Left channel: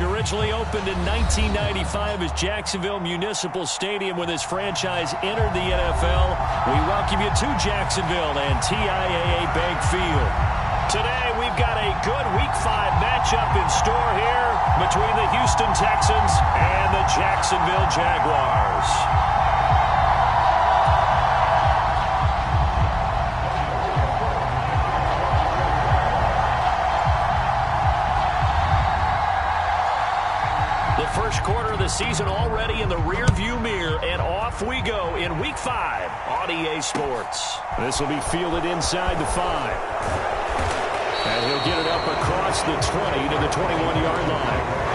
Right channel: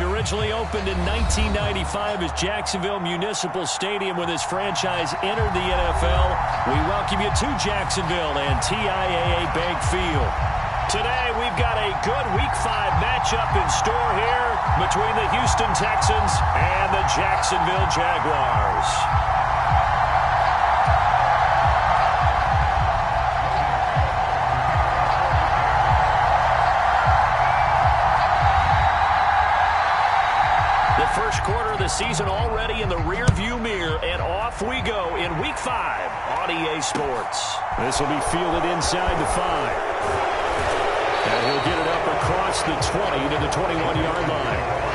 Originally opened in 1995 as Jacksonville Municipal Stadium when this franchise entered the NFL. We welcome you to Jacksonville and TIAA Bank Field. Today we've got a good Week 5 matchup in store here between the Houston Texans and the Jacksonville Jaguars. The first quarter of the season already in the rearview mirror, and off we go in Week 5 on EA Sports. This will be fielded inside the 5. And he'll get it up across the 20 to the 21-yard line.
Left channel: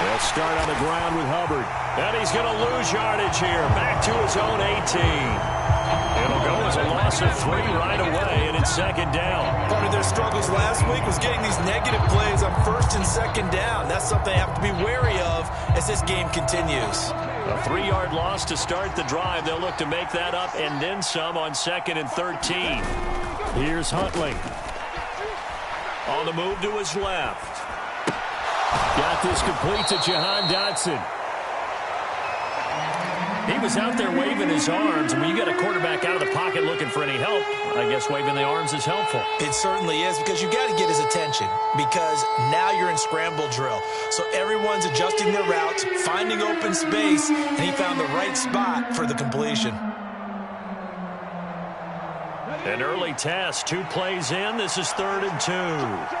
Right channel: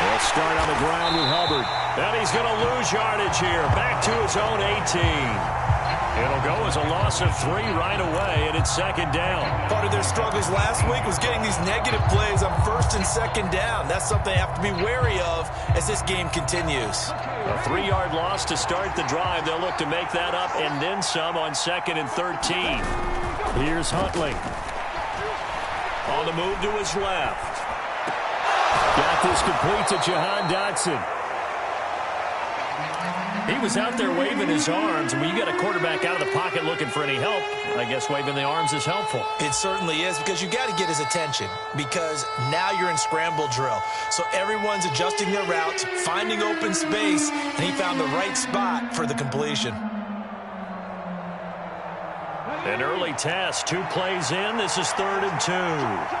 They'll start on the ground with Hubbard. And he's going to lose yardage here. Back to his own 18. It'll go as a loss of 3 right away, and it's second down. Part of their struggles last week was getting these negative plays on first and second down. That's something they have to be wary of as this game continues. A 3-yard loss to start the drive. They'll look to make that up and then some on second and 13. Here's Huntley. On the move to his left. Got this complete to Jahan Dotson. He was out there waving his arms, and when you get a quarterback out of the pocket looking for any help, I guess waving the arms is helpful. It certainly is, because you got to get his attention, because now you're in scramble drill. So everyone's adjusting their routes, finding open space, and he found the right spot for the completion. An early test, 2 plays in. This is 3rd and 2.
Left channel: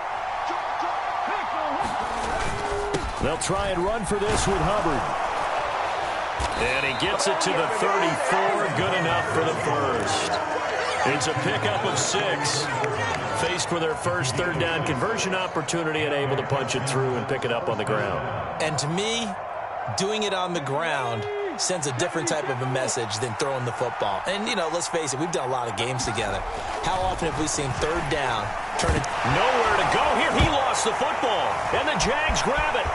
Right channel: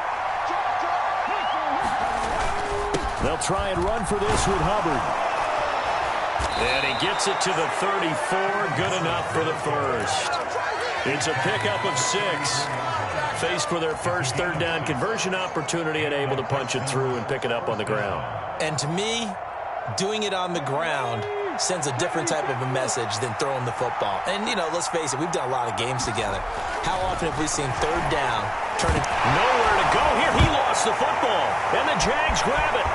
They'll try and run for this with Hubbard. And he gets it to the 34. Good enough for the first. It's a pickup of 6. Faced with their first 3rd down conversion opportunity and able to punch it through and pick it up on the ground. And to me, doing it on the ground sends a different type of a message than throwing the football. And, you know, let's face it, we've done a lot of games together. How often have we seen 3rd down turn it? Nowhere to go here. He lost the football. And the Jags grab it.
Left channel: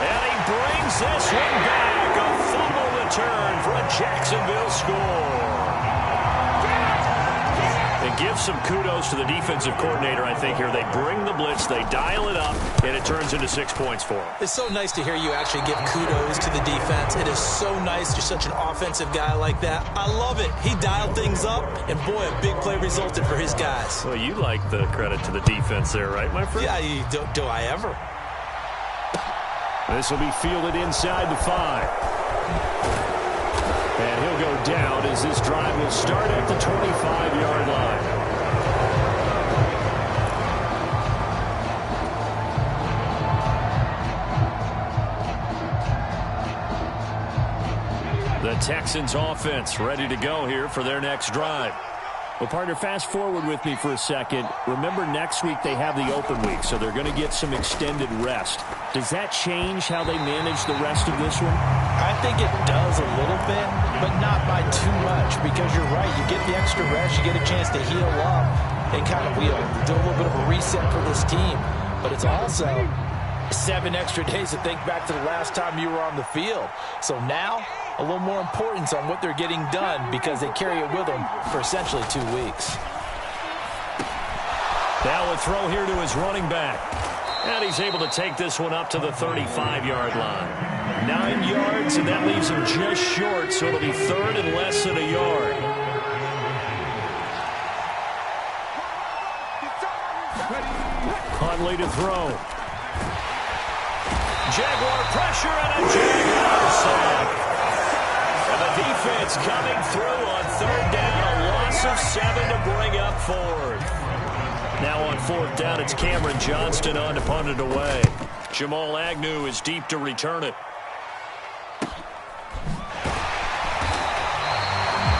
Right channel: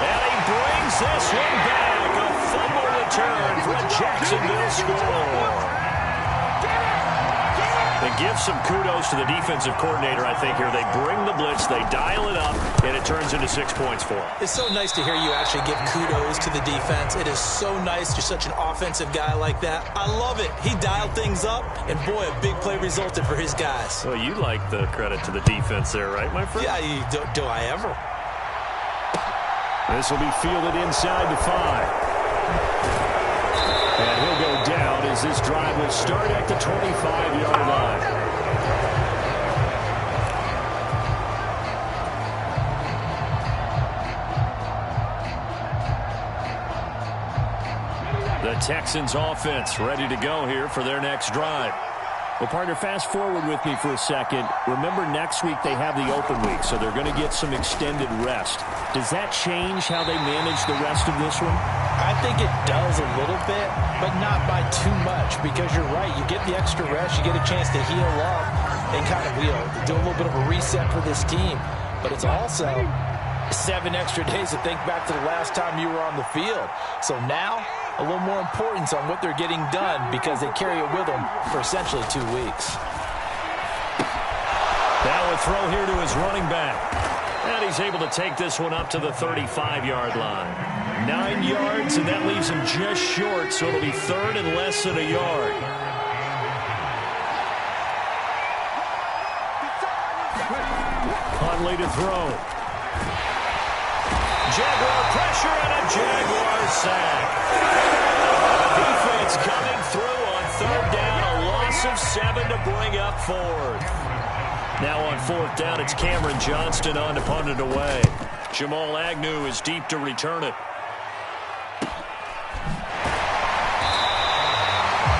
And he brings this one back. A fumble return for a Jacksonville score. And give some kudos to the defensive coordinator, I think, here. They bring the blitz, they dial it up, and it turns into 6 points for them. It's so nice to hear you actually give kudos to the defense. It is so nice. You're such an offensive guy like that. I love it. He dialed things up, and boy, a big play resulted for his guys. Well, you like the credit to the defense there, right, my friend? Yeah, do I ever? This will be fielded inside the 5. And he'll go down as this drive will start at the 25-yard line. The Texans offense ready to go here for their next drive. Well, partner, fast forward with me for a second. Remember, next week they have the open week, so they're going to get some extended rest. Does that change how they manage the rest of this one? I think it does a little bit, but not by too much, because you're right. You get the extra rest. You get a chance to heal up and kind of do a little bit of a reset for this team. But it's also 7 extra days to think back to the last time you were on the field. So now, a little more importance on what they're getting done, because they carry it with them for essentially 2 weeks. Now a throw here to his running back. And he's able to take this one up to the 35-yard line. 9 yards, and that leaves him just short, so it'll be 3rd and less than a yard. Huntley to throw. Jaguar pressure and a Jaguar sack. And the defense coming through on 3rd down, a loss of 7 to bring up 4th. Now on 4th down, it's Cameron Johnston on to punt it away. Jamal Agnew is deep to return it.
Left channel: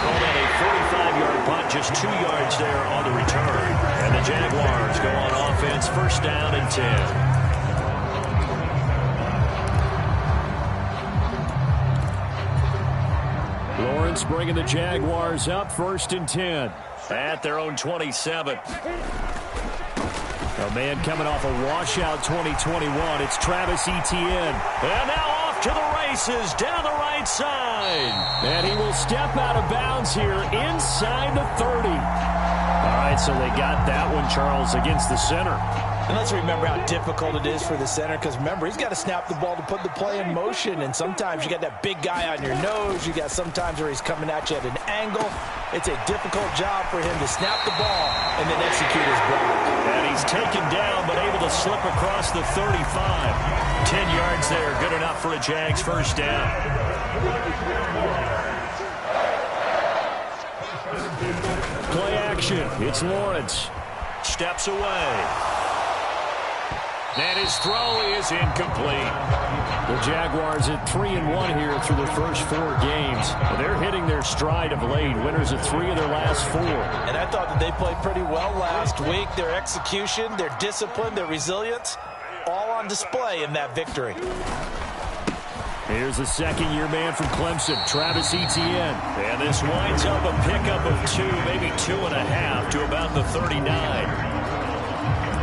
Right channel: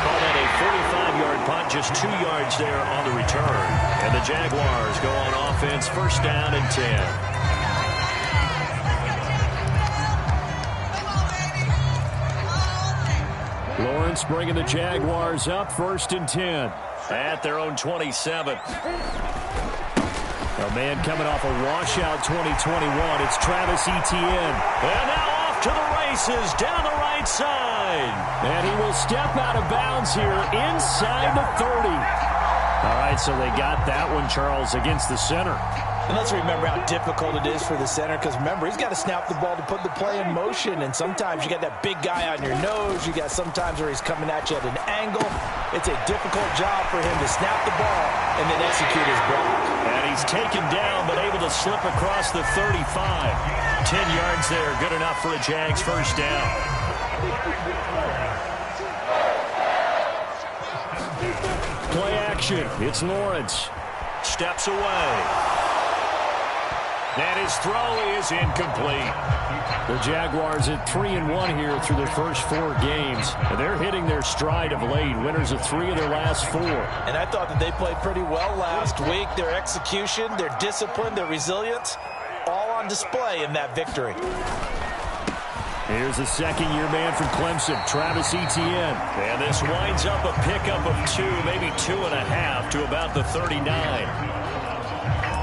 Call that a 45-yard punt, just 2 yards there on the return. And the Jaguars go on offense, 1st down and 10. Lawrence bringing the Jaguars up 1st and 10. At their own 27. A man coming off a washout 2021. It's Travis Etienne. And now off to the races down the right side. And he will step out of bounds here inside the 30. All right, so they got that one, Charles, against the center. And let's remember how difficult it is for the center, because remember, he's got to snap the ball to put the play in motion, and sometimes you got that big guy on your nose. You got sometimes where he's coming at you at an angle. It's a difficult job for him to snap the ball and then execute his block. And he's taken down, but able to slip across the 35. 10 yards there, good enough for a Jags first down. Play action. It's Lawrence. Steps away. And his throw is incomplete. The Jaguars at 3-1 here through their first 4 games. They're hitting their stride of late. Winners of 3 of their last 4. And I thought that they played pretty well last week. Their execution, their discipline, their resilience, all on display in that victory. Here's the second-year man from Clemson, Travis Etienne. And this winds up a pickup of 2, maybe 2.5 to about the 39.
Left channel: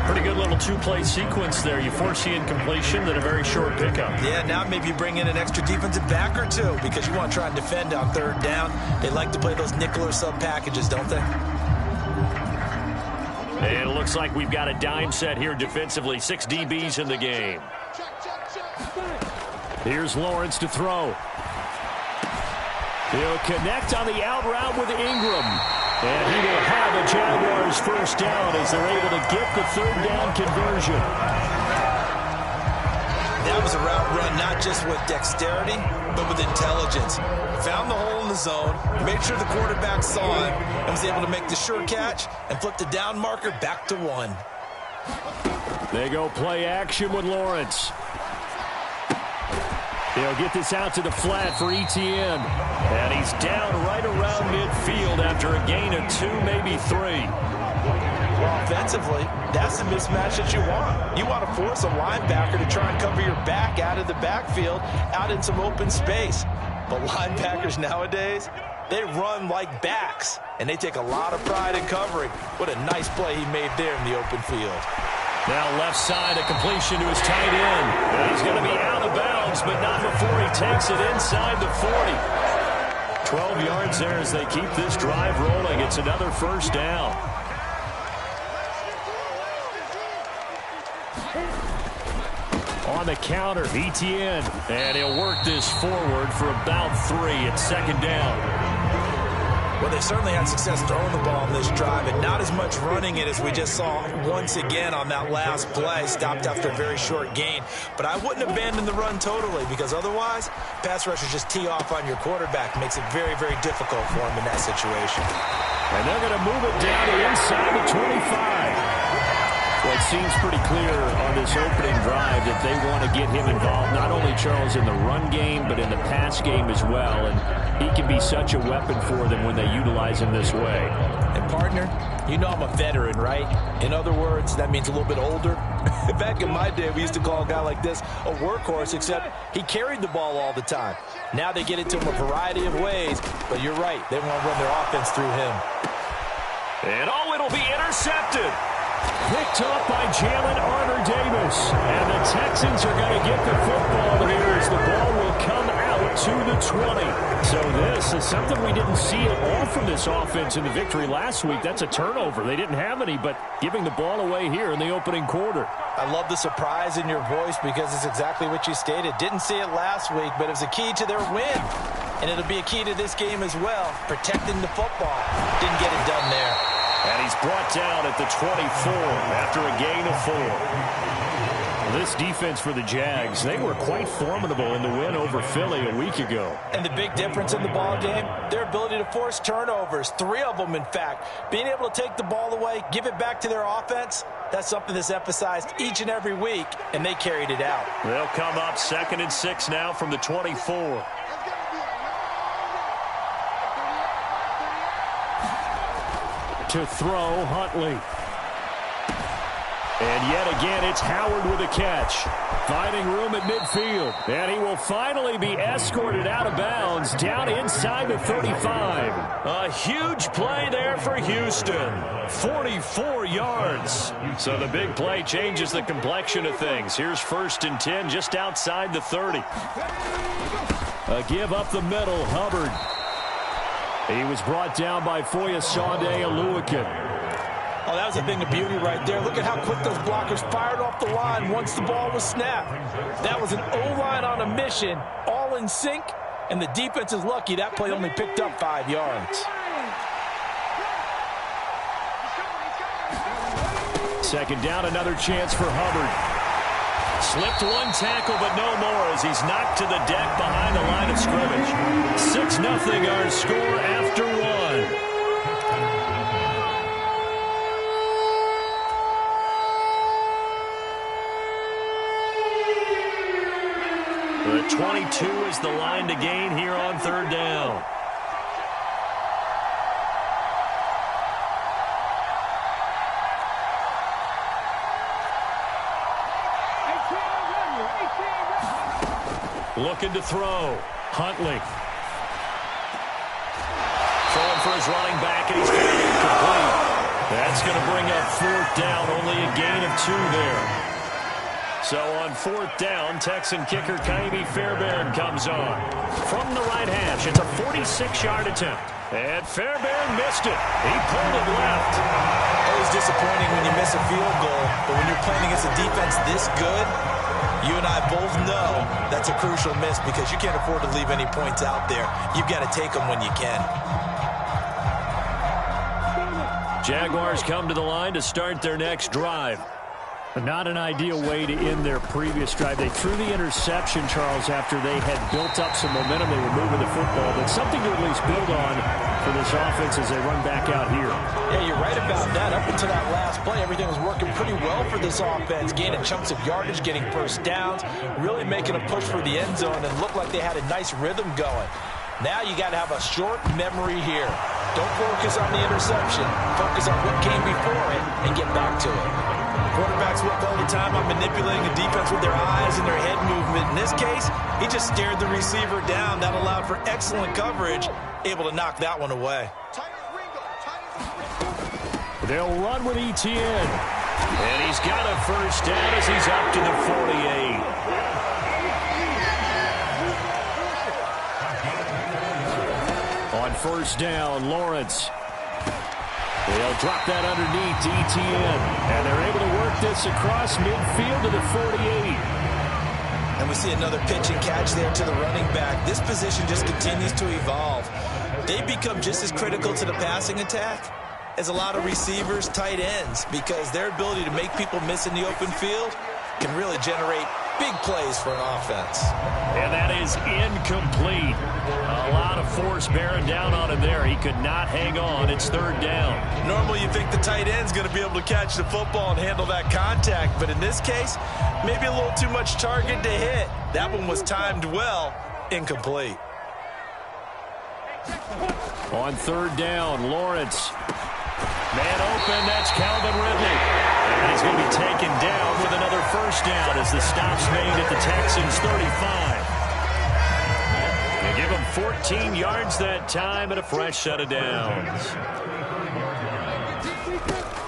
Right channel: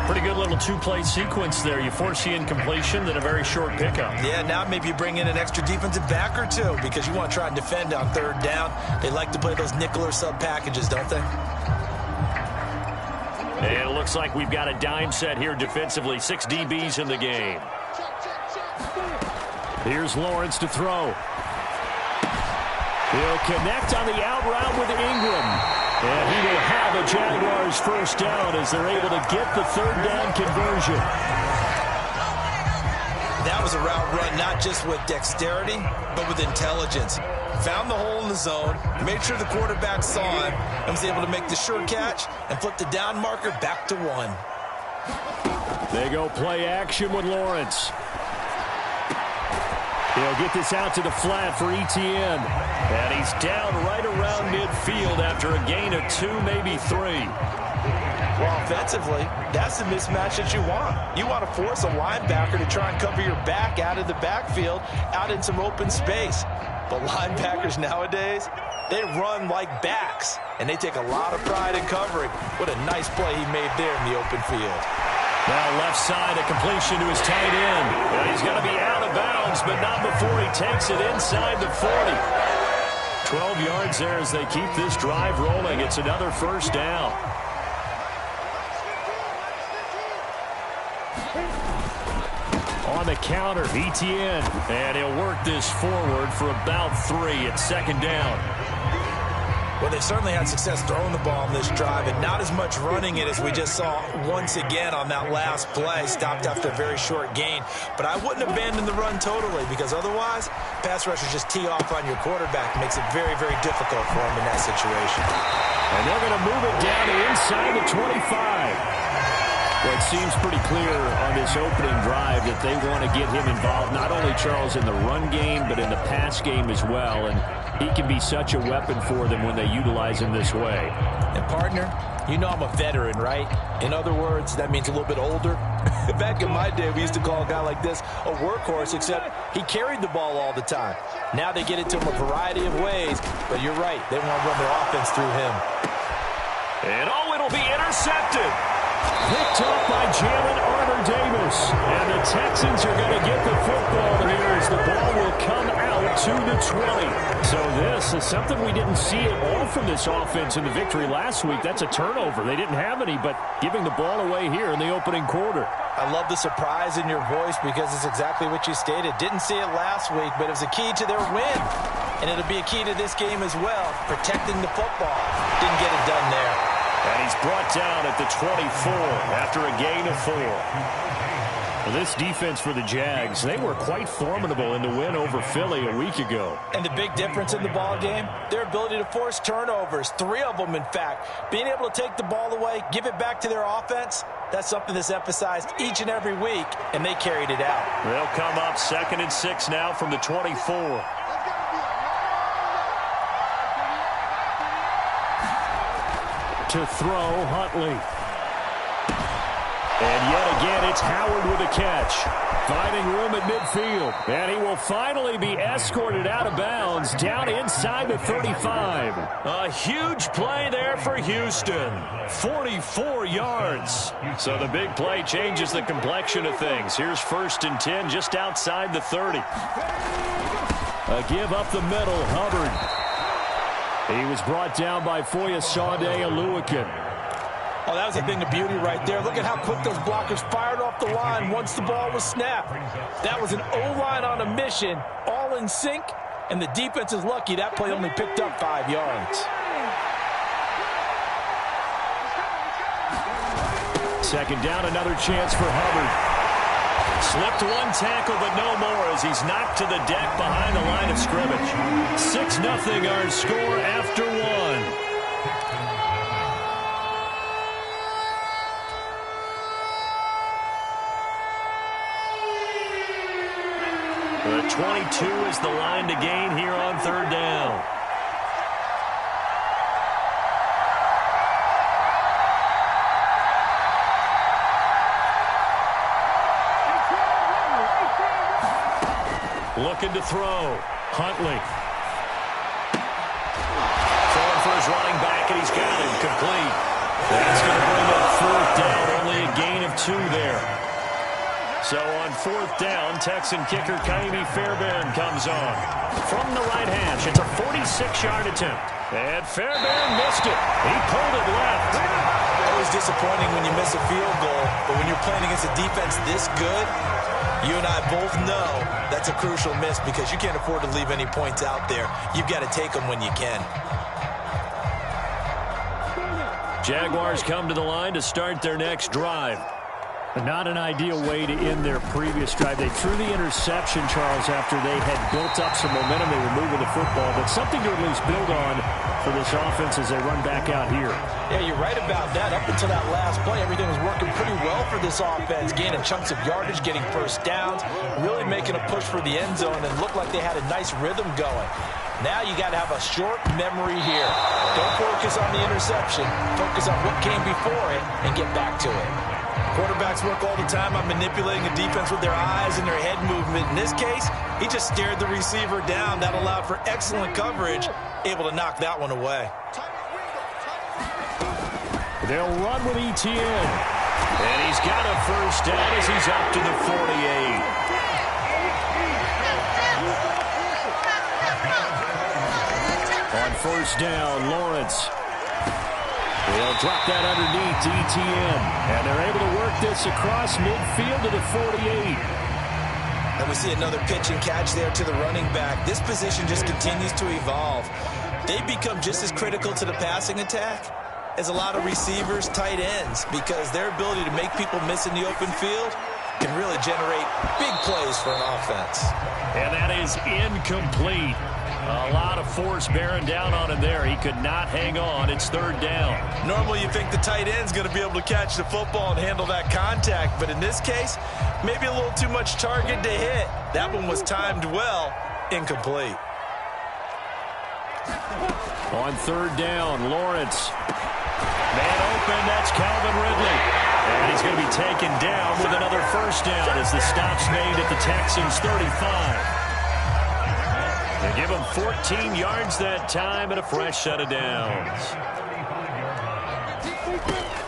Pretty good little 2-play sequence there. You foresee incompletion, then a very short pickup. Yeah, now maybe you bring in an extra defensive back or 2 because you want to try and defend on 3rd down. They like to play those nickel or sub packages, don't they? And it looks like we've got a dime set here defensively. 6 DBs in the game. Here's Lawrence to throw. He'll connect on the out route with Ingram. And he will have a Jaguars first down as they're able to get the 3rd down conversion. That was a route run not just with dexterity, but with intelligence. Found the hole in the zone, made sure the quarterback saw him, and was able to make the sure catch and flip the down marker back to 1. They go play action with Lawrence. He'll get this out to the flat for Etienne. And he's down right around midfield after a gain of 2, maybe 3. Well, offensively, that's the mismatch that you want. You want to force a linebacker to try and cover your back out of the backfield, out in some open space. But linebackers nowadays, they run like backs, and they take a lot of pride in covering. What a nice play he made there in the open field. Now left side, a completion to his tight end. And he's going to be out of bounds, but not before he takes it inside the 40. 12 yards there as they keep this drive rolling. It's another first down. On the counter, Etienne. And he'll work this forward for about 3 at 2nd down. Well, they certainly had success throwing the ball on this drive and not as much running it as we just saw once again on that last play. Stopped after a very short gain. But I wouldn't abandon the run totally because otherwise, pass rushers just tee off on your quarterback. Makes it very, very difficult for him in that situation. And they're going to move it down to inside the 25. Well, it seems pretty clear on this opening drive that they want to get him involved, not only, Charles, in the run game, but in the pass game as well. And he can be such a weapon for them when they utilize him this way. And, partner, you know I'm a veteran, right? In other words, that means a little bit older. Back in my day, we used to call a guy like this a workhorse, except he carried the ball all the time. Now they get it to him a variety of ways, but you're right. They want to run their offense through him. And, it'll be intercepted. Picked up by Jalen Armour-Davis. And the Texans are going to get the football here as the ball will come out to the 20. So this is something we didn't see at all from this offense in the victory last week. That's a turnover. They didn't have any, but giving the ball away here in the opening quarter. I love the surprise in your voice because it's exactly what you stated. Didn't see it last week, but it was a key to their win. And it'll be a key to this game as well, protecting the football. Didn't get it done there. And he's brought down at the 24 after a gain of 4. Well, this defense for the Jags, they were quite formidable in the win over Philly a week ago. And the big difference in the ball game, their ability to force turnovers, 3 of them, in fact. Being able to take the ball away, give it back to their offense, that's something that's emphasized each and every week, and they carried it out. They'll come up 2nd and 6 now from the 24. To throw, Huntley. And yet again, it's Howard with a catch. Finding room at midfield. And he will finally be escorted out of bounds down inside the 35. A huge play there for Houston. 44 yards. So the big play changes the complexion of things. Here's 1st and 10 just outside the 30. A give up the middle, Hubbard. He was brought down by Foyesade Oluwakan. Oh, that was a thing of beauty right there. Look at how quick those blockers fired off the line once the ball was snapped. That was an O-line on a mission, all in sync, and the defense is lucky that play only picked up 5 yards. Second down, another chance for Hubbard. Slipped one tackle, but no more as he's knocked to the deck behind the line of scrimmage. 6-0 our score after one. The 22 is the line to gain here on 3rd down. Looking to throw. Huntley. Throwing for his running back, and he's got it complete. That's going to bring up 4th down. Only a gain of 2 there. So on 4th down, Texan kicker Kaimi Fairbairn comes on. From the right hash, it's a 46-yard attempt. And Fairbairn missed it. He pulled it left. Always disappointing when you miss a field goal, but when you're playing against a defense this good, you and I both know that's a crucial miss because you can't afford to leave any points out there. You've got to take them when you can. Jaguars come to the line to start their next drive. Not an ideal way to end their previous drive. They threw the interception, Charles, after they had built up some momentum. They were moving the football, but something to at least build on for this offense as they run back out here. Yeah, you're right about that. Up until that last play, everything was working pretty well for this offense, gaining chunks of yardage, getting first downs, really making a push for the end zone, and looked like they had a nice rhythm going. Now you got to have a short memory here. Don't focus on the interception. Focus on what came before it and get back to it. Quarterbacks work all the time on manipulating a defense with their eyes and their head movement. In this case, he just stared the receiver down. That allowed for excellent coverage, able to knock that one away. They'll run with Etienne. And he's got a first down as he's up to the 48. On 1st down, Lawrence. They'll drop that underneath to Etienne. And they're able to work this across midfield to the 48. And we see another pitch and catch there to the running back. This position just continues to evolve. They become just as critical to the passing attack as a lot of receivers, tight ends, because their ability to make people miss in the open field can really generate big plays for an offense. And that is incomplete. A lot of force bearing down on him there. He could not hang on. It's 3rd down. Normally you think the tight end's going to be able to catch the football and handle that contact, but in this case, maybe a little too much target to hit. That one was timed well, incomplete. On 3rd down, Lawrence. Man open, that's Calvin Ridley. And he's going to be taken down with another first down as the stop's made at the Texans' 35. They give him 14 yards that time and a fresh set of downs.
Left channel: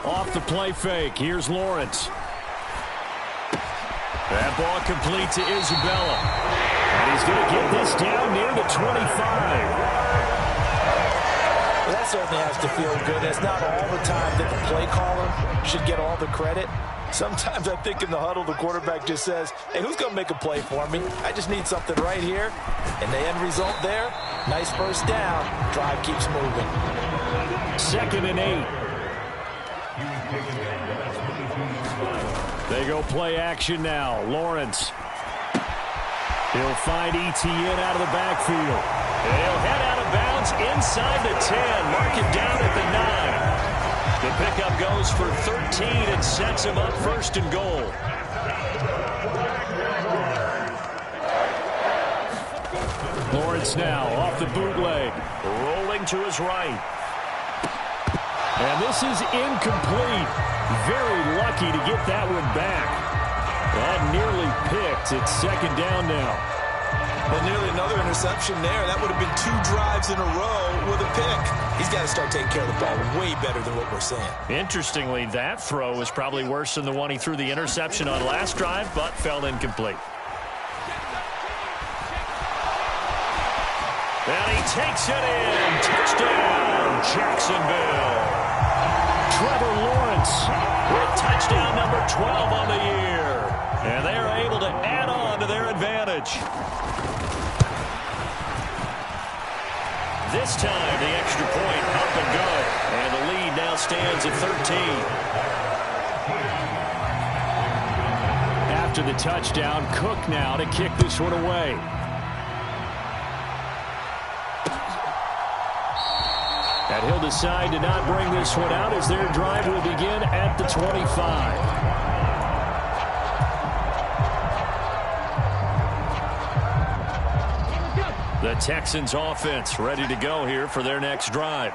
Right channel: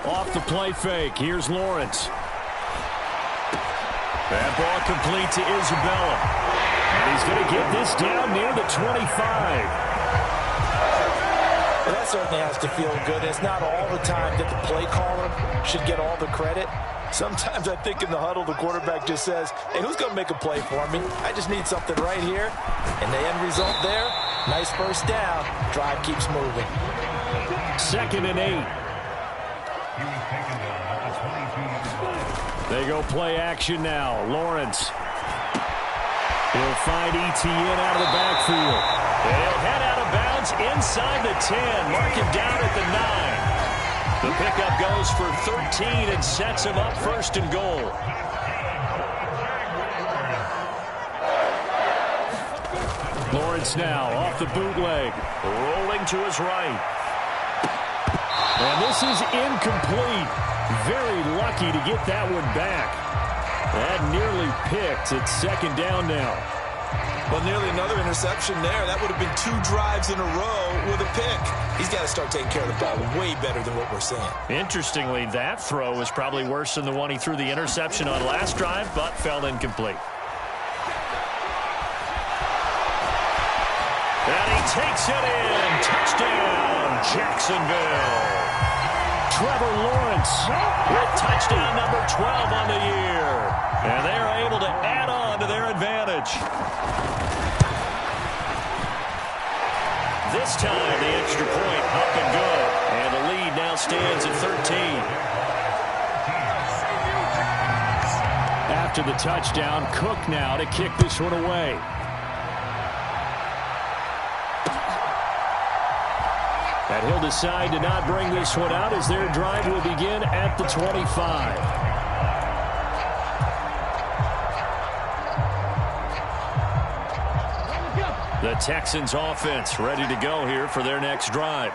Off the play fake, here's Lawrence. That ball complete to Isabella. And he's going to get this down near the 25. Well, that certainly has to feel good. It's not all the time that the play caller should get all the credit. Sometimes I think in the huddle, the quarterback just says, hey, who's going to make a play for me? I just need something right here. And the end result there, nice first down. Drive keeps moving. 2nd and 8. They go play action now. Lawrence. He'll find Etienne out of the backfield. He'll head out of bounds inside the 10. Mark it down at the 9. The pickup goes for 13 and sets him up 1st and goal. Lawrence now off the bootleg. Rolling to his right. And this is incomplete. Very lucky to get that one back. That nearly picked. It's second down now. Well, nearly another interception there. That would have been 2 drives in a row with a pick. He's got to start taking care of the ball way better than what we're saying. Interestingly, that throw was probably worse than the one he threw the interception on last drive, but fell incomplete. And he takes it in. Touchdown, Jacksonville. Trevor Lawrence with touchdown number 12 on the year. And they are able to add on to their advantage. This time, the extra point up and good. And the lead now stands at 13. After the touchdown, Cook now to kick this one away. And he'll decide to not bring this one out as their drive will begin at the 25. The Texans offense ready to go here for their next drive.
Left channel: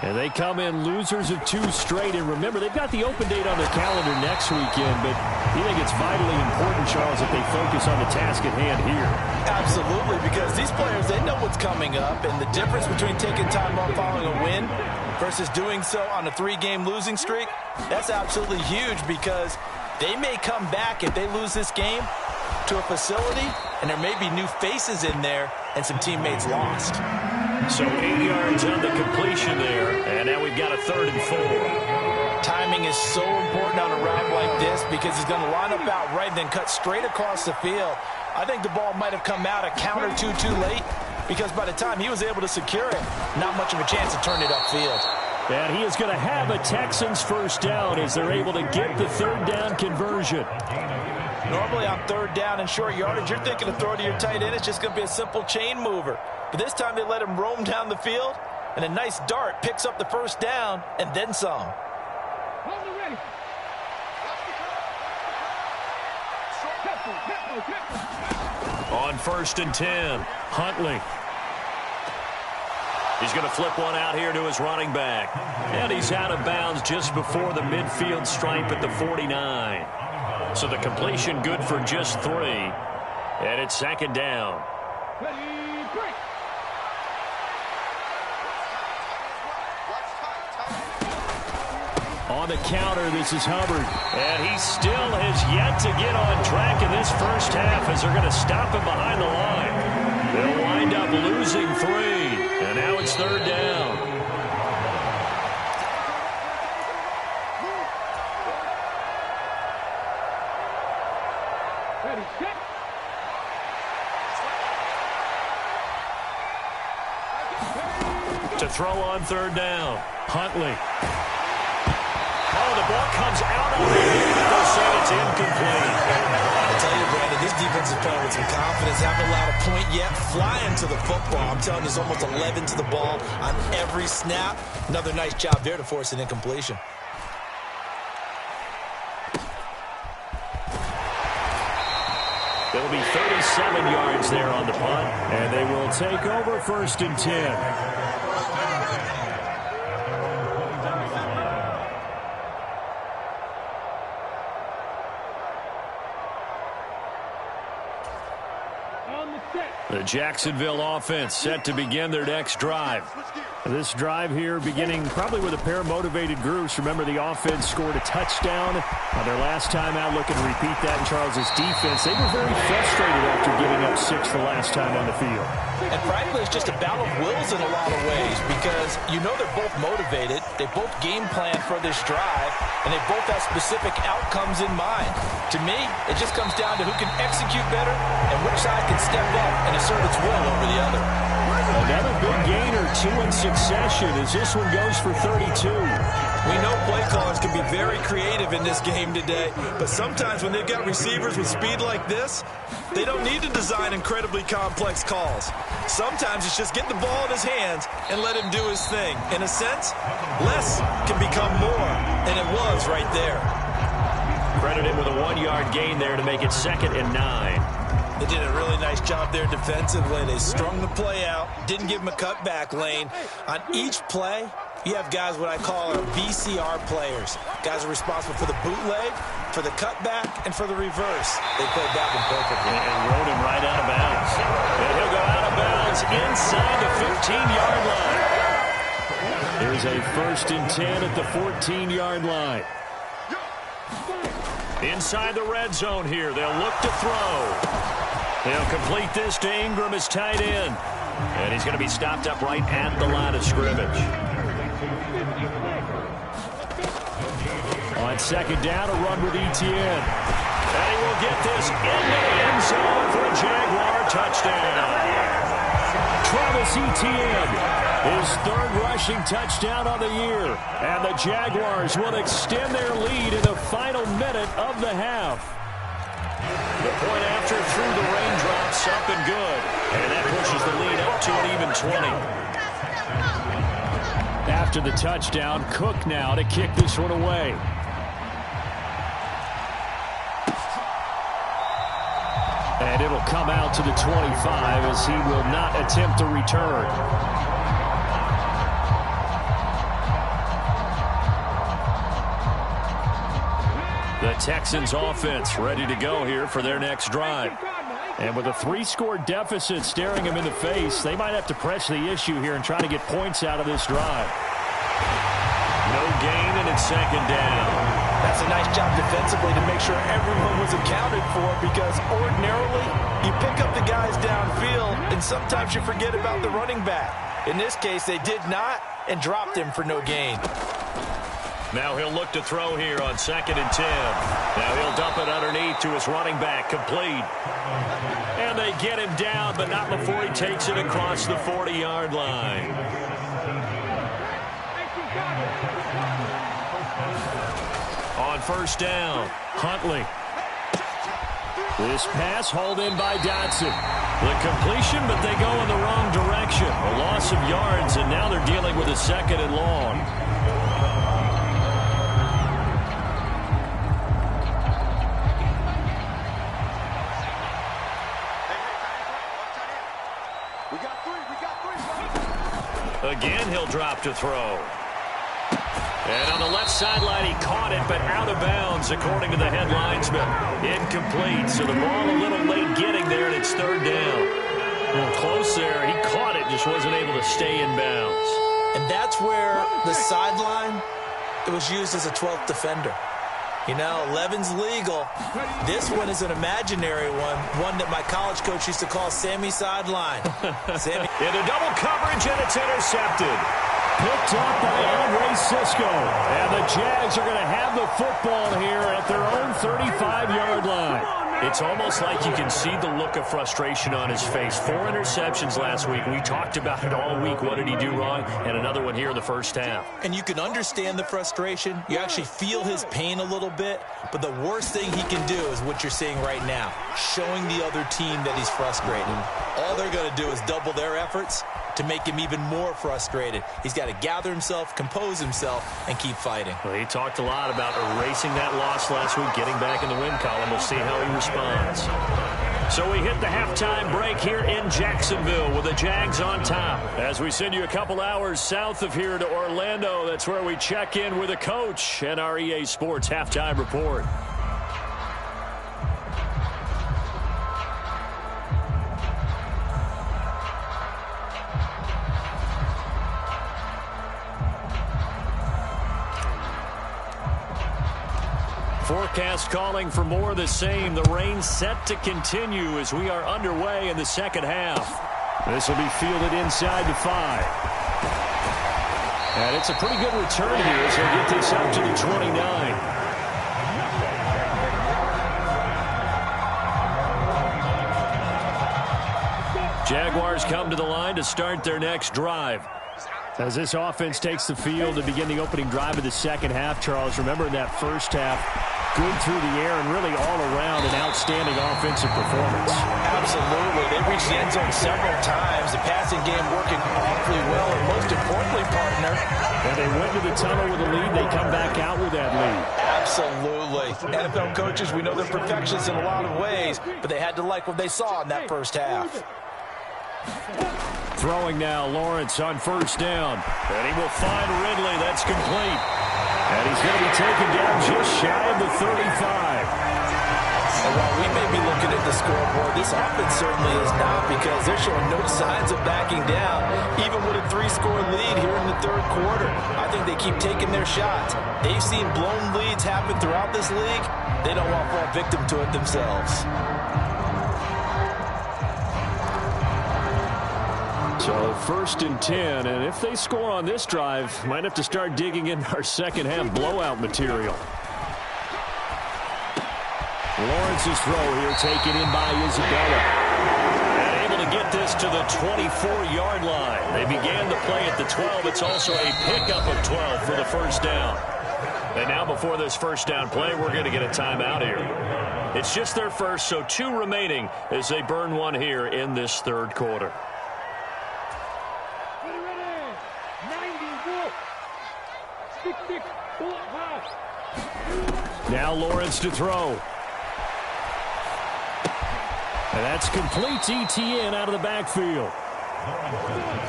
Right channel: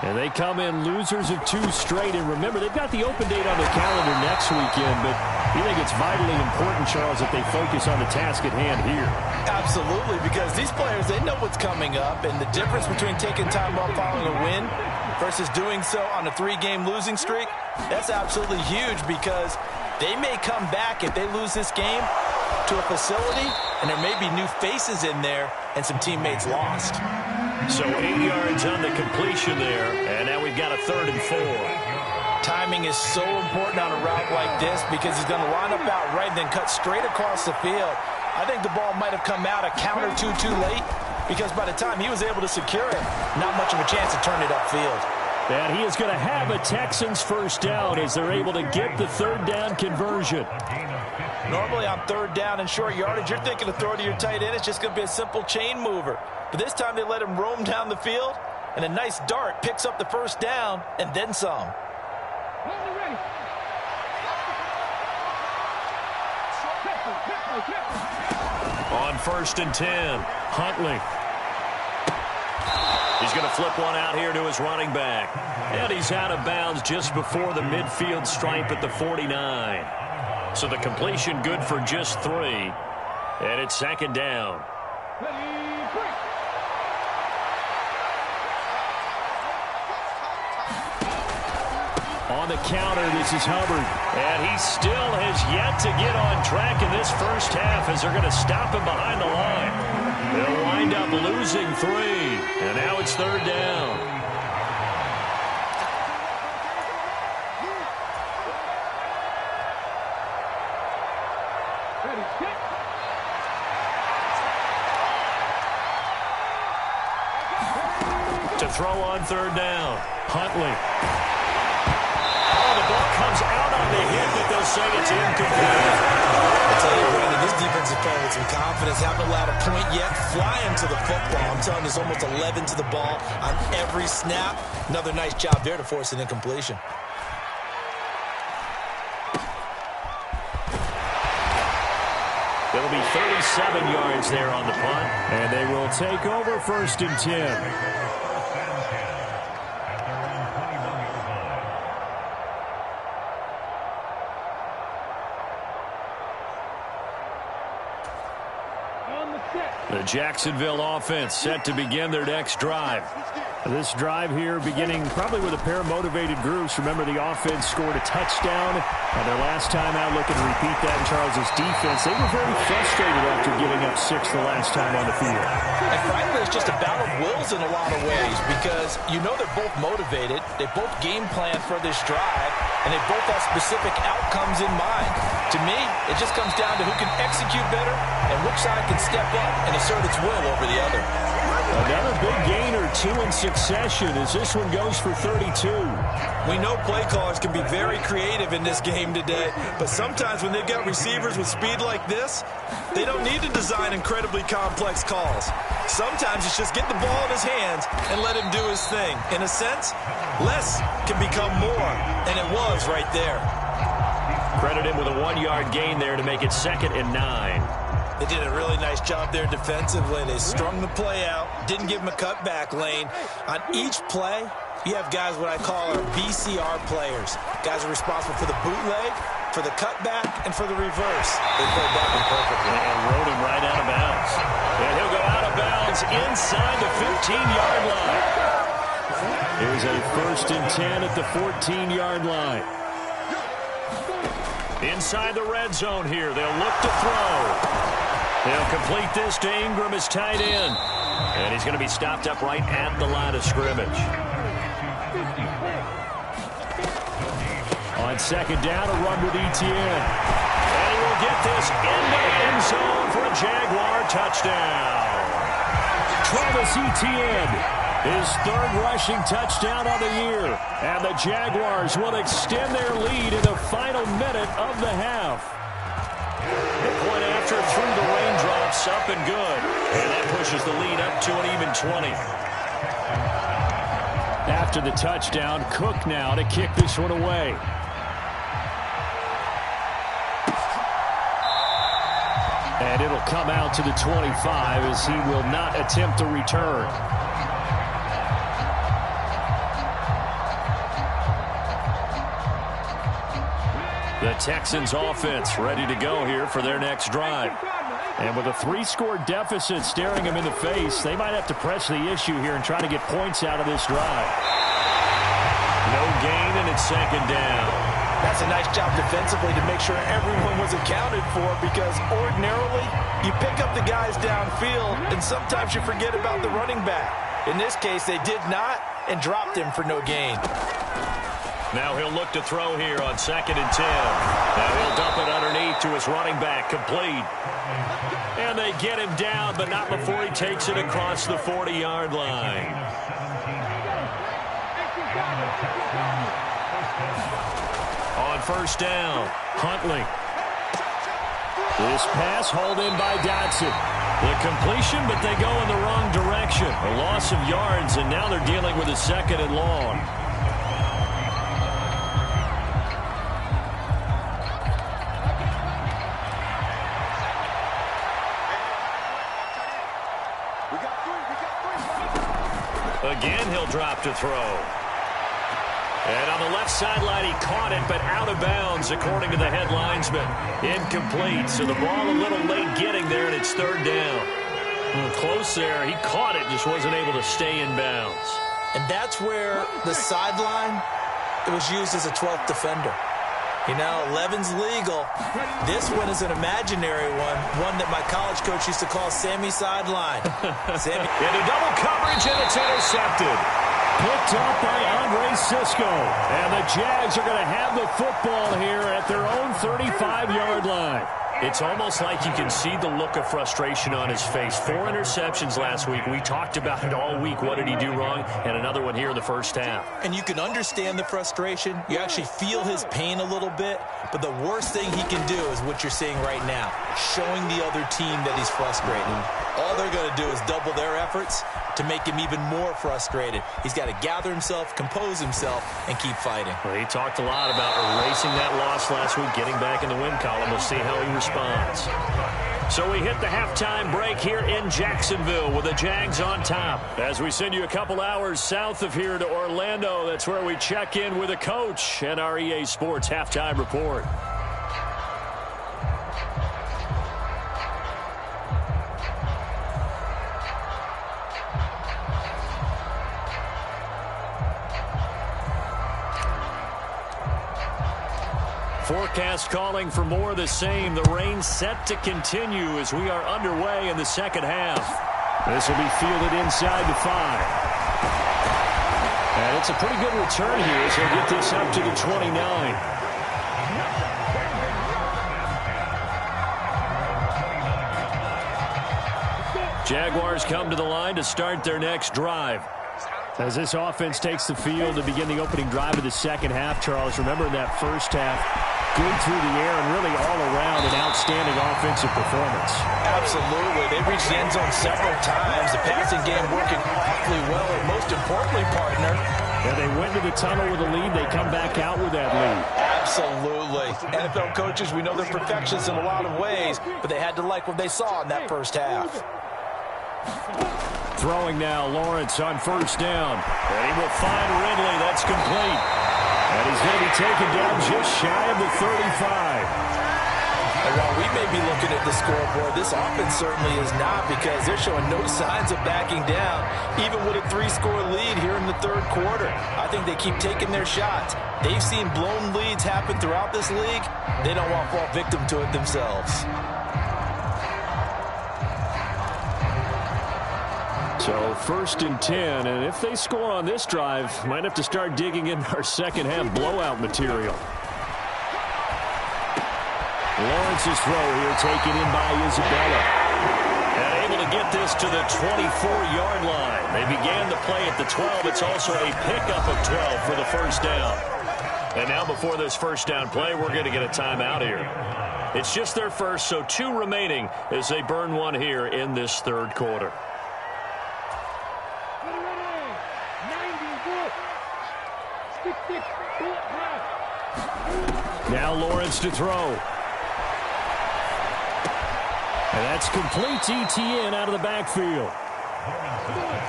And they come in losers of 2 straight. And remember, they've got the open date on their calendar next weekend, but you think it's vitally important, Charles, that they focus on the task at hand here? Absolutely, because these players, they know what's coming up, and the difference between taking time off following a win versus doing so on a 3-game losing streak, that's absolutely huge, because they may come back if they lose this game to a facility, and there may be new faces in there and some teammates lost. So 8 yards on the completion there, and now we've got a 3rd and 4. Timing is so important on a route like this because he's going to line up out right and then cut straight across the field. I think the ball might have come out a count or two too late because by the time he was able to secure it, not much of a chance to turn it upfield. And he is going to have a Texans first down as they're able to get the 3rd down conversion. Normally on 3rd down and short yardage, you're thinking to throw to your tight end. It's just going to be a simple chain mover. But this time they let him roam down the field, and a nice dart picks up the first down and then some. On 1st and 10, Huntley. He's going to flip one out here to his running back. And he's out of bounds just before the midfield stripe at the 49. So the completion good for just 3. And it's 2nd down. On the counter, this is Hubbard. And he still has yet to get on track in this first half as they're going to stop him behind the line. They'll wind up losing 3. And now it's 3rd down. To throw on 3rd down, Huntley. Oh, the ball comes out on the hit, but they'll say it's incomplete. I tell you, Brandon, this defense is playing with some confidence. Haven't allowed a point yet. Flying to the football. I'm telling you, there's almost 11 to the ball on every snap. Another nice job there to force an incompletion. It'll be 37 yards there on the punt, and they will take over 1st and 10. The Jacksonville offense set to begin their next drive. This drive here beginning probably with a pair of motivated groups. Remember, the offense scored a touchdown on their last time out. Looking to repeat that in Charles's defense. They were very frustrated after giving up 6 the last time on the field. And frankly, it's just a battle of wills in a lot of ways because you know they're both motivated. They both game plan for this drive, and they both have specific outcomes in mind. To me, it just comes down to who can execute better and which side can step up and assert its will over the other. Another big gain or 2 in succession as this one goes for 32. We know play callers can be very creative in this game today, but sometimes when they've got receivers with speed like this, they don't need to design incredibly complex calls. Sometimes it's just get the ball in his hands and let him do his thing. In a sense, less can become more, and it was right there. Credit him with a 1-yard gain there to make it 2nd and 9. They did a really nice job there defensively. They strung the play out, didn't give him a cutback lane. On each play, you have guys what I call our BCR players, Guys are responsible for the bootleg, for the cutback, and for the reverse. They played that one perfectly. And rode him right out of bounds. And he'll go out of bounds inside the 15-yard line. Here's a 1st and 10 at the 14-yard line. Inside the red zone here. They'll look to throw. They'll complete this to Ingram as tight end. And he's going to be stopped up right at the line of scrimmage. On 2nd down, a run with Etienne. And he will get this into the end zone for a Jaguar touchdown. Travis Etienne. His 3rd rushing touchdown on the year. And the Jaguars will extend their lead in the final minute of the half. The point after through the raindrops, up and good. And that pushes the lead up to an even 20. After the touchdown, Cook now to kick this one away. And it'll come out to the 25 as he will not attempt a return. The Texans offense ready to go here for their next drive. And with a 3-score deficit staring them in the face, they might have to press the issue here and try to get points out of this drive. No gain, and it's 2nd down. That's a nice job defensively to make sure everyone was accounted for, because ordinarily you pick up the guys downfield and sometimes you forget about the running back. In this case, they did not and dropped him for no gain. Now he'll look to throw here on 2nd and 10. Now he'll dump it underneath to his running back, complete. And they get him down, but not before he takes it across the 40-yard line. On 1st down, Huntley. This pass hauled in by Dotson. The completion, but they go in the wrong direction. A loss of yards, and now they're dealing with a 2nd and long. Again, he'll drop to throw. And on the left sideline, he caught it, but out of bounds, according to the head linesman. Incomplete, so the ball a little late getting there, and it's 3rd down. Close there. He caught it, just wasn't able to stay in bounds. And that's where the sideline, it was used as a 12th defender. You know, 11's legal. This one is an imaginary one that my college coach used to call Sammy Sideline. Sammy. Into double coverage, and it's intercepted. Picked up by Andre Sisco. And the Jags are going to have the football here at their own 35-yard line. It's almost like you can see the look of frustration on his face. 4 interceptions last week. We talked about it all week. What did he do wrong? And another one here in the first half. And you can understand the frustration. You actually feel his pain a little bit. But the worst thing he can do is what you're seeing right now, showing the other team that he's frustrated. All they're going to do is double their efforts to make him even more frustrated. He's got to gather himself, compose himself, and keep fighting. Well, he talked a lot about erasing that loss last week, getting back in the win column. We'll see how he responds. So we hit the halftime break here in Jacksonville with the Jags on top. As we send you a couple hours south of here to Orlando, that's where we check in with a coach and our EA Sports halftime report. Forecast calling for more of the same. The rain set to continue as we are underway in the second half. This will be fielded inside the 5. And it's a pretty good return here as he'll get this up to the 29. Jaguars come to the line to start their next drive. As this offense takes the field to begin the opening drive of the second half, Charles, remember in that first half, good through the air and really all around an outstanding offensive performance. Absolutely. They reached the end zone several times. The passing game working awfully well, and most importantly, partner. And they went to the tunnel with a lead. They come back out with that lead. Absolutely. NFL coaches, we know they're perfectionists in a lot of ways, but they had to like what they saw in that first half. Throwing now, Lawrence on first down. And he will find Ridley. That's complete. And he's going to be taken down just shy of the 35. And while we may be looking at the scoreboard, this offense certainly is not, because they're showing no signs of backing down, even with a 3-score lead here in the third quarter. I think they keep taking their shots. They've seen blown leads happen throughout this league. They don't want to fall victim to it themselves. So 1st and 10, and if they score on this drive, might have to start digging in our second half blowout material. Lawrence's throw here taken in by Isabella. And able to get this to the 24-yard line. They began the play at the 12. It's also a pickup of 12 for the first down. And now before this first down play, we're going to get a timeout here. It's just their first, so 2 remaining as they burn one here in this third quarter. Now Lawrence to throw. And that's complete to Etienne out of the backfield.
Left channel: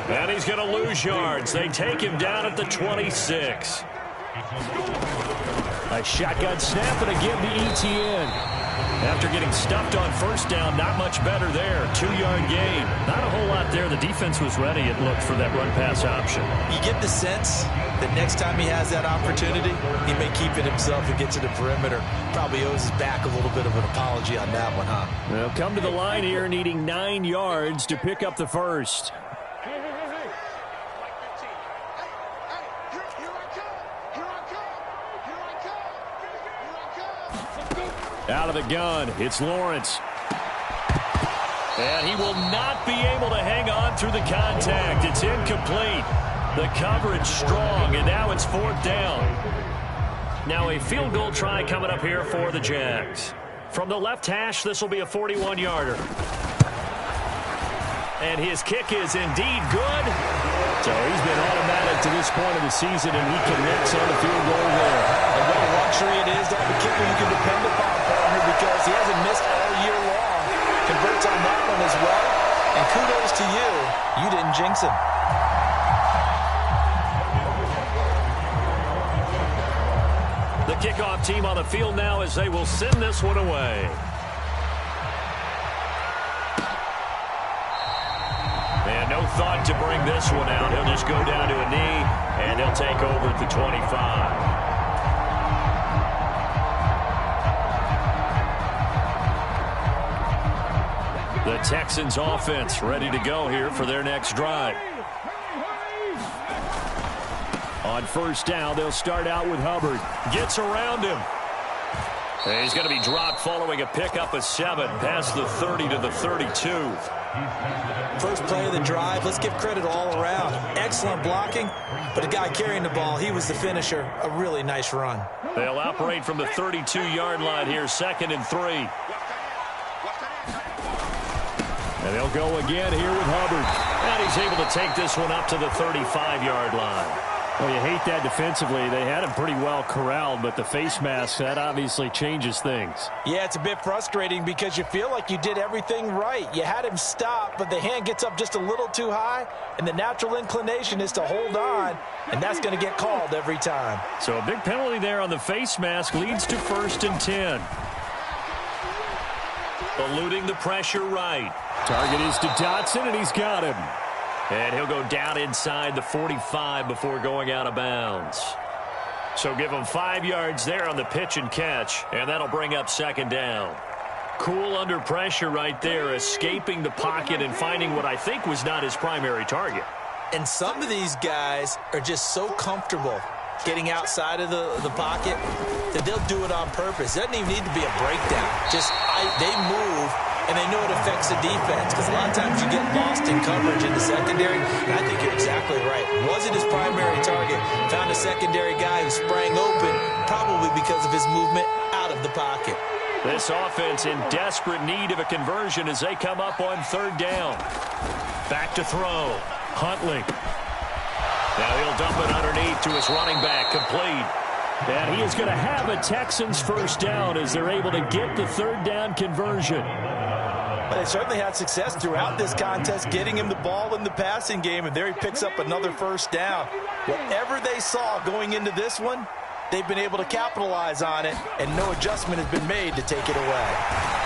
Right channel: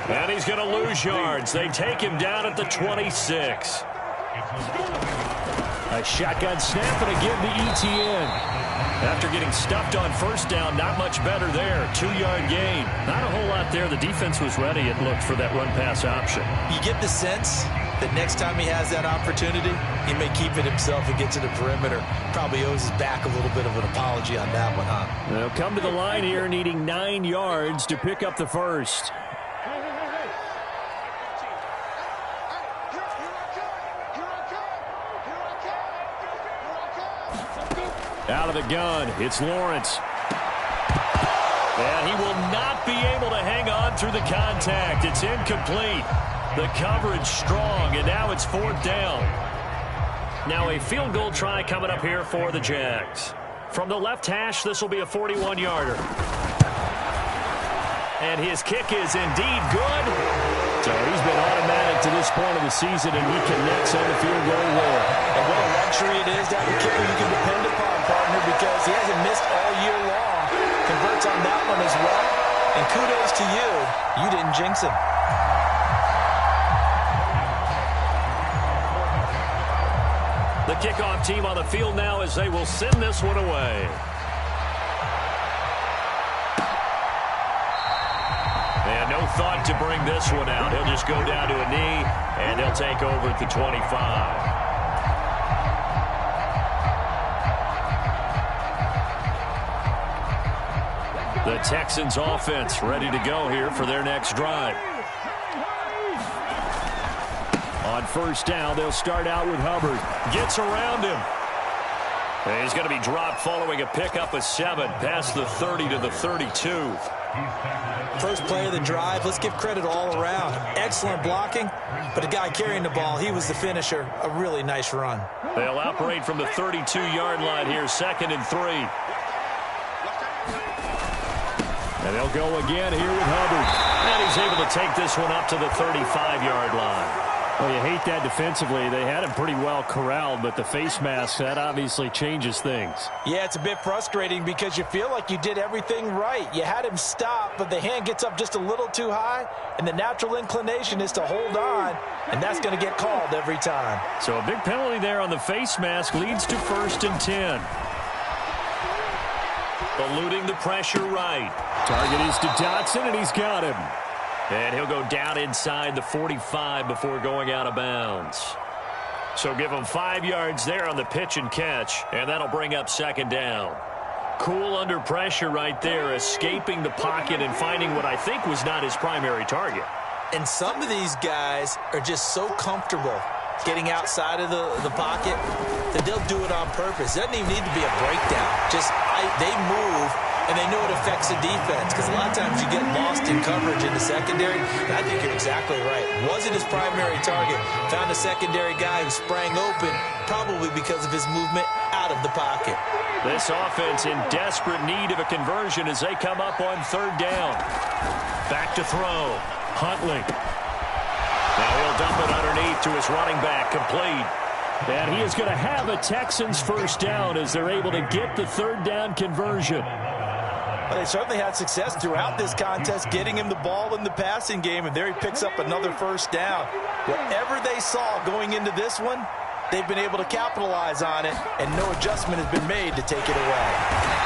And he's going to lose yards. They take him down at the 26. A shotgun snap and a give to Etienne. After getting stuffed on first down, not much better there. 2-yard gain. Not a whole lot there. The defense was ready, it looked, for that run-pass option. You get the sense that next time he has that opportunity, he may keep it himself and get to the perimeter. Probably owes his back a little bit of an apology on that one, huh? They'll come to the line here needing 9 yards to pick up the first. Out of the gun, it's Lawrence. And he will not be able to hang on through the contact. It's incomplete. The coverage strong, and now it's 4th down. Now a field goal try coming up here for the Jags. From the left hash, this will be a 41-yarder. And his kick is indeed good. So he's been automatic to this point of the season, and he connects on the field goal there. And what a luxury it is to have a kicker you can depend upon, partner, because he hasn't missed all year long. Converts on that one as well. And kudos to you. You didn't jinx him. The kickoff team on the field now as they will send this one away. And no thought to bring this one out. He'll just go down to a knee, and he'll take over at the 25. The Texans offense ready to go here for their next drive. On first down, they'll start out with Hubbard. Gets around him. And he's going to be dropped following a pickup of 7 past the 30 to the 32. First play of the drive, let's give credit all around. Excellent blocking, but the guy carrying the ball, he was the finisher. A really nice run. They'll operate from the 32-yard line here, 2nd and 3. And they'll go again here with Hubbard. And he's able to take this one up to the 35-yard line. Well, you hate that defensively. They had him pretty well corralled, but the face mask, that obviously changes things. Yeah, it's a bit frustrating because you feel like you did everything right. You had him stop, but the hand gets up just a little too high, and the natural inclination is to hold on, and that's going to get called every time. So a big penalty there on the face mask leads to 1st and 10. Eluding the pressure right. Target is to Dotson, and he's got him. And he'll go down inside the 45 before going out of bounds. So give him 5 yards there on the pitch and catch, and that'll bring up 2nd down. Cool under pressure right there, escaping the pocket and finding what I think was not his primary target. And some of these guys are just so comfortable getting outside of the pocket that they'll do it on purpose. It doesn't even need to be a breakdown. Just they move, and they know it affects the defense, because a lot of times you get lost in coverage in the secondary. And I think you're exactly right. Wasn't his primary target. Found a secondary guy who sprang open, probably because of his movement out of the pocket. This offense in desperate need of a conversion as they come up on 3rd down. Back to throw. Huntley. Now he'll dump it underneath to his running back, complete. And he is going to have a Texans first down as they're able to get the 3rd down conversion. But they certainly had success throughout this contest, getting him the ball in the passing game, and there he picks up another first down. Whatever they saw going into this one, they've been able to capitalize on it, and no adjustment has been made to take it away.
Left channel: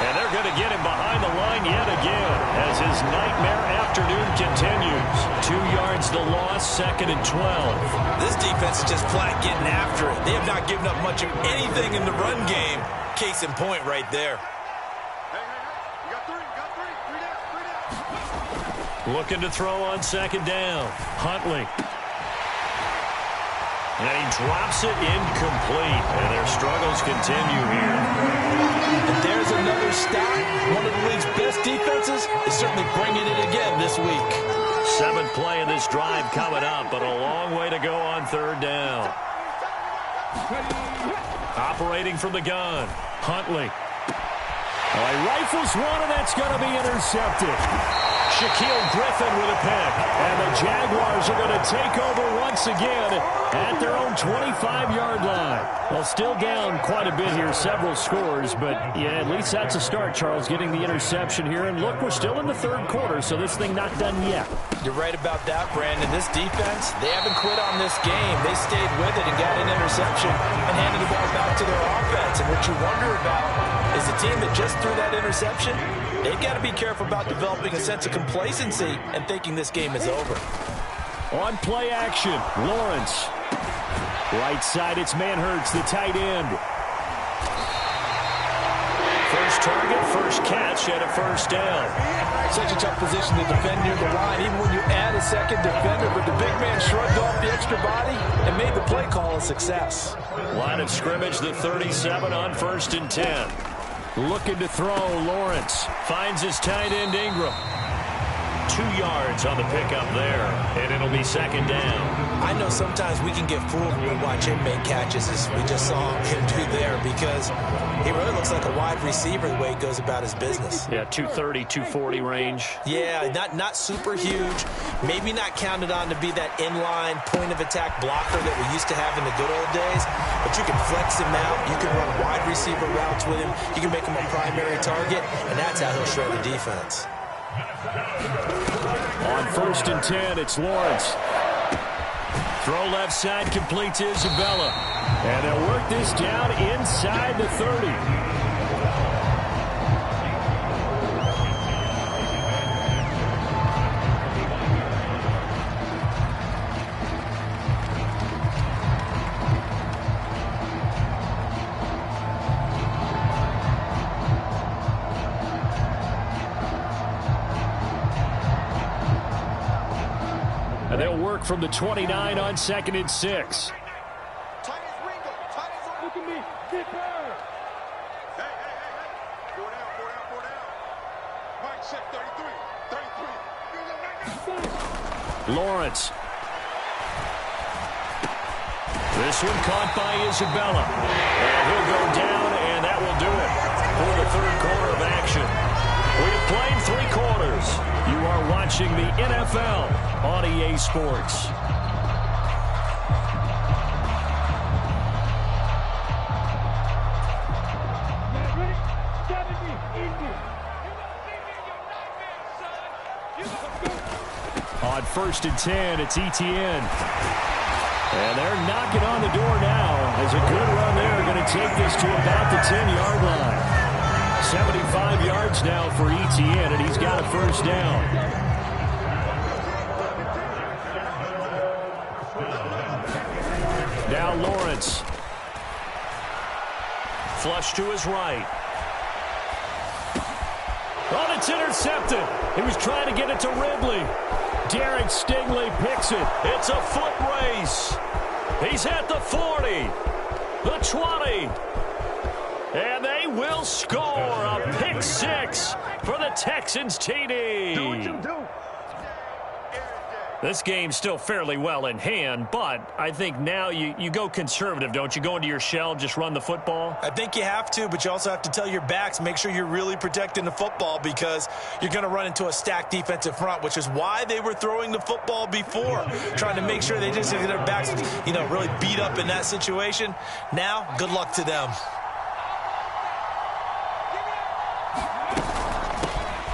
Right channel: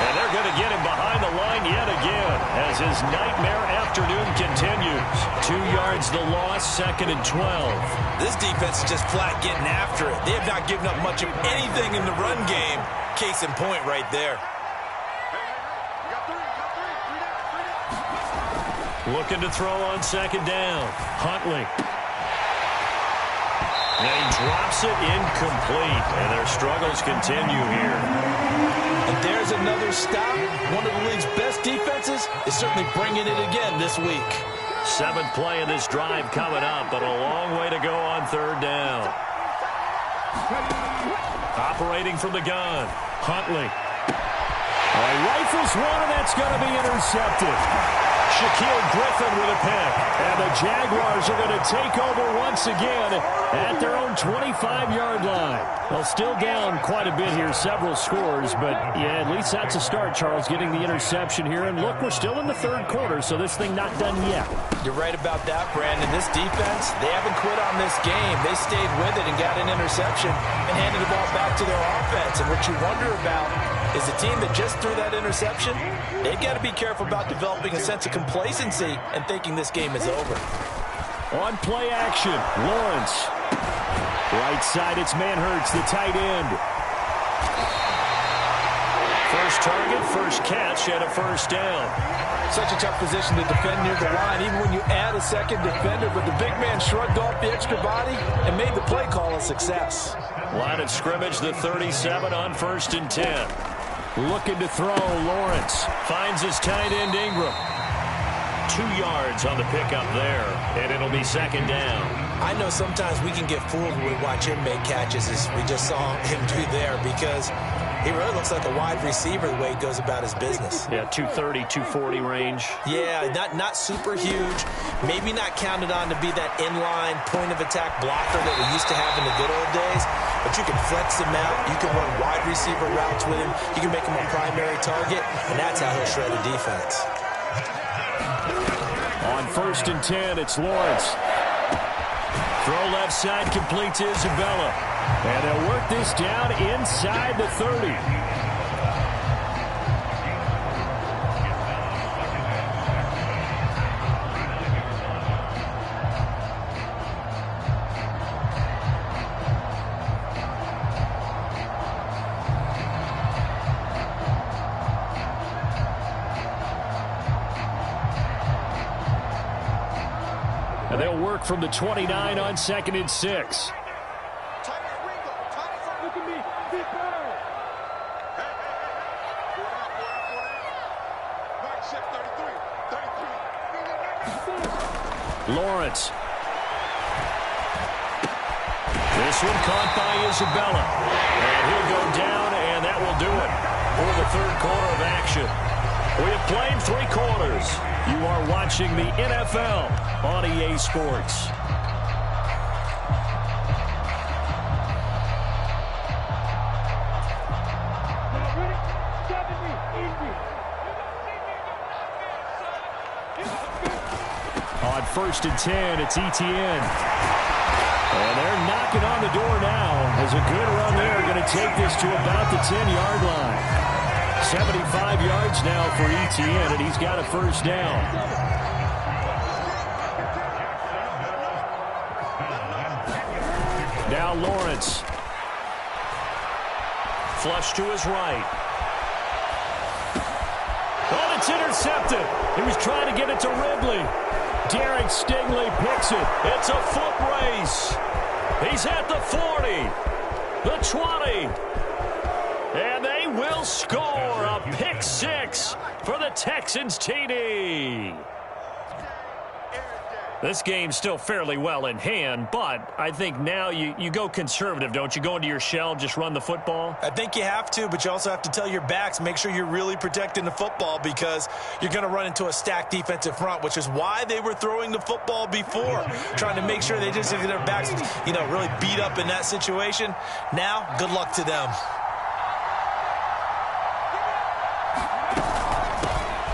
And they're going to get him behind the line yet again as his nightmare afternoon continues. 2 yards the loss, 2nd and 12. This defense is just flat getting after it. They have not given up much of anything in the run game. Case in point right there. Looking to throw on 2nd down. Huntley. And he drops it incomplete. And their struggles continue here. And there's another stop. One of the league's best defenses is certainly bringing it again this week. 7th play of this drive coming up, but a long way to go on 3rd down. Operating from the gun. Huntley. Oh, he rifles one, and that's going to be intercepted. Shaquille Griffin with a pick. And the Jaguars are going to take over once again at their own 25-yard line. Well, still down quite a bit here, several scores, but yeah, at least that's a start, Charles, getting the interception here. And look, we're still in the 3rd quarter, so this thing not done yet. You're right about that, Brandon. This defense, they haven't quit on this game. They stayed with it and got an interception and handed the ball back to their offense. And what you wonder about is the team that just threw that interception, they've got to be careful about developing a sense of complacency and thinking this game is over. On play action, Lawrence. Right side, it's Manhertz, the tight end. First target, first catch, and a 1st down. Such a tough position to defend near the line, even when you add a 2nd defender, but the big man shrugged off the extra body and made the play call a success. Line of scrimmage, the 37 on 1st and 10. Looking to throw, Lawrence. Finds his tight end, Ingram. 2 yards on the pickup there, and it'll be 2nd down. I know sometimes we can get fooled when we watch him make catches, as we just saw him do there, because he really looks like a wide receiver the way he goes about his business. Yeah, 230, 240 range. Yeah, not super huge. Maybe not counted on to be that inline point-of-attack blocker that we used to have in the good old days, but you can flex him out. You can run wide receiver routes with him. You can make him a primary target, and that's how he'll shred a defense. On 1st and 10, it's Lawrence. Throw left side, complete to Isabella. And they'll work this down inside the 30. And they'll work from the 29 on 2nd and 6. Look at me. Get back. Hey. 4 down. Mike check 33. Lawrence. This one caught by Isabella. And he'll go down, and that will do it for the 3rd quarter of action. We have played 3 quarters. You are watching the NFL on EA Sports. Ready? 70, Indy. On 1st and 10, it's Etienne. And they're knocking on the door now as a good run there. Going to take this to about the 10-yard line. 75 yards now for Etienne, and he's got a 1st down. Now Lawrence. Flush to his right. Oh, it's intercepted. He was trying to get it to Ridley. Derek Stingley picks it. It's a foot race. He's at the 40, the 20. And they will score a pick 6 for the Texans TD. This game's still fairly well in hand, but I think now you go conservative, don't you? Go into your shell, just run the football? I think you have to, but you also have to tell your backs, make sure you're really protecting the football because you're going to run into a stacked defensive front, which is why they were throwing the football before, trying to make sure they just get their backs, really beat up in that situation. Now, good luck to them.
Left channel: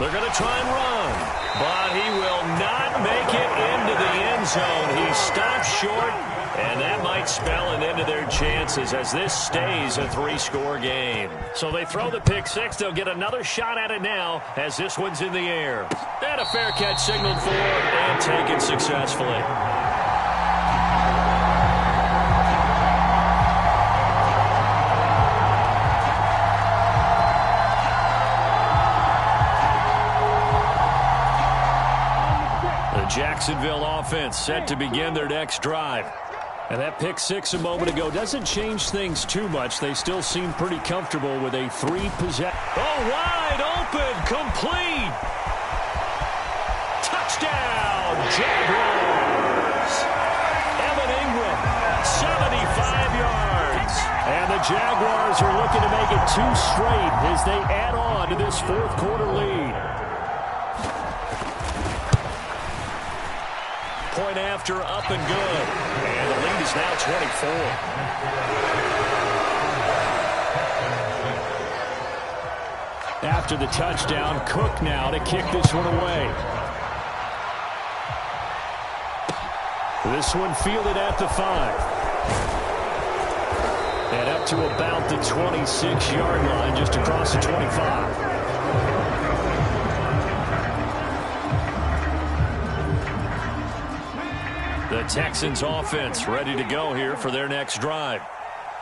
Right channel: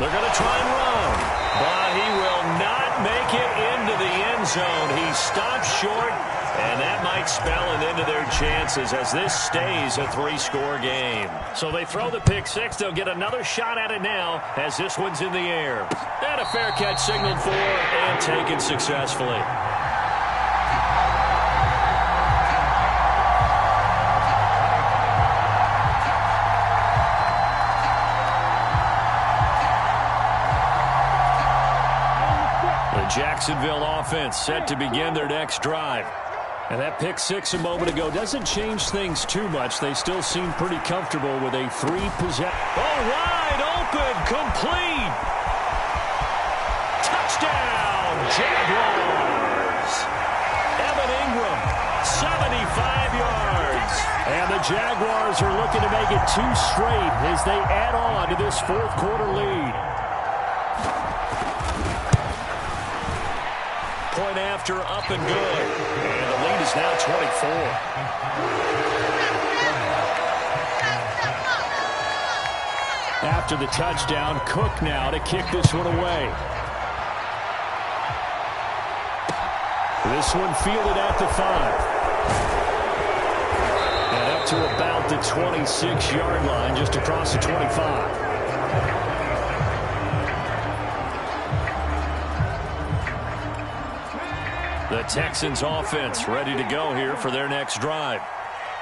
They're going to try and run, but he will not make it into the end zone. He stopped short, and that might spell an end to their chances as this stays a 3-score game. So they throw the pick six. They'll get another shot at it now as this one's in the air. And a fair catch signaled for and taken successfully. Jacksonville offense set to begin their next drive. And that pick six a moment ago doesn't change things too much. They still seem pretty comfortable with a 3-possession. Oh, wide open, complete. Touchdown, Jaguars. Evan Ingram, 75 yards. And the Jaguars are looking to make it 2 straight as they add on to this fourth-quarter lead. Point after, up and good. And the lead is now 24. After the touchdown, Cook now to kick this one away. This one fielded at the 5. And up to about the 26-yard line, just across the 25. The Texans offense ready to go here for their next drive.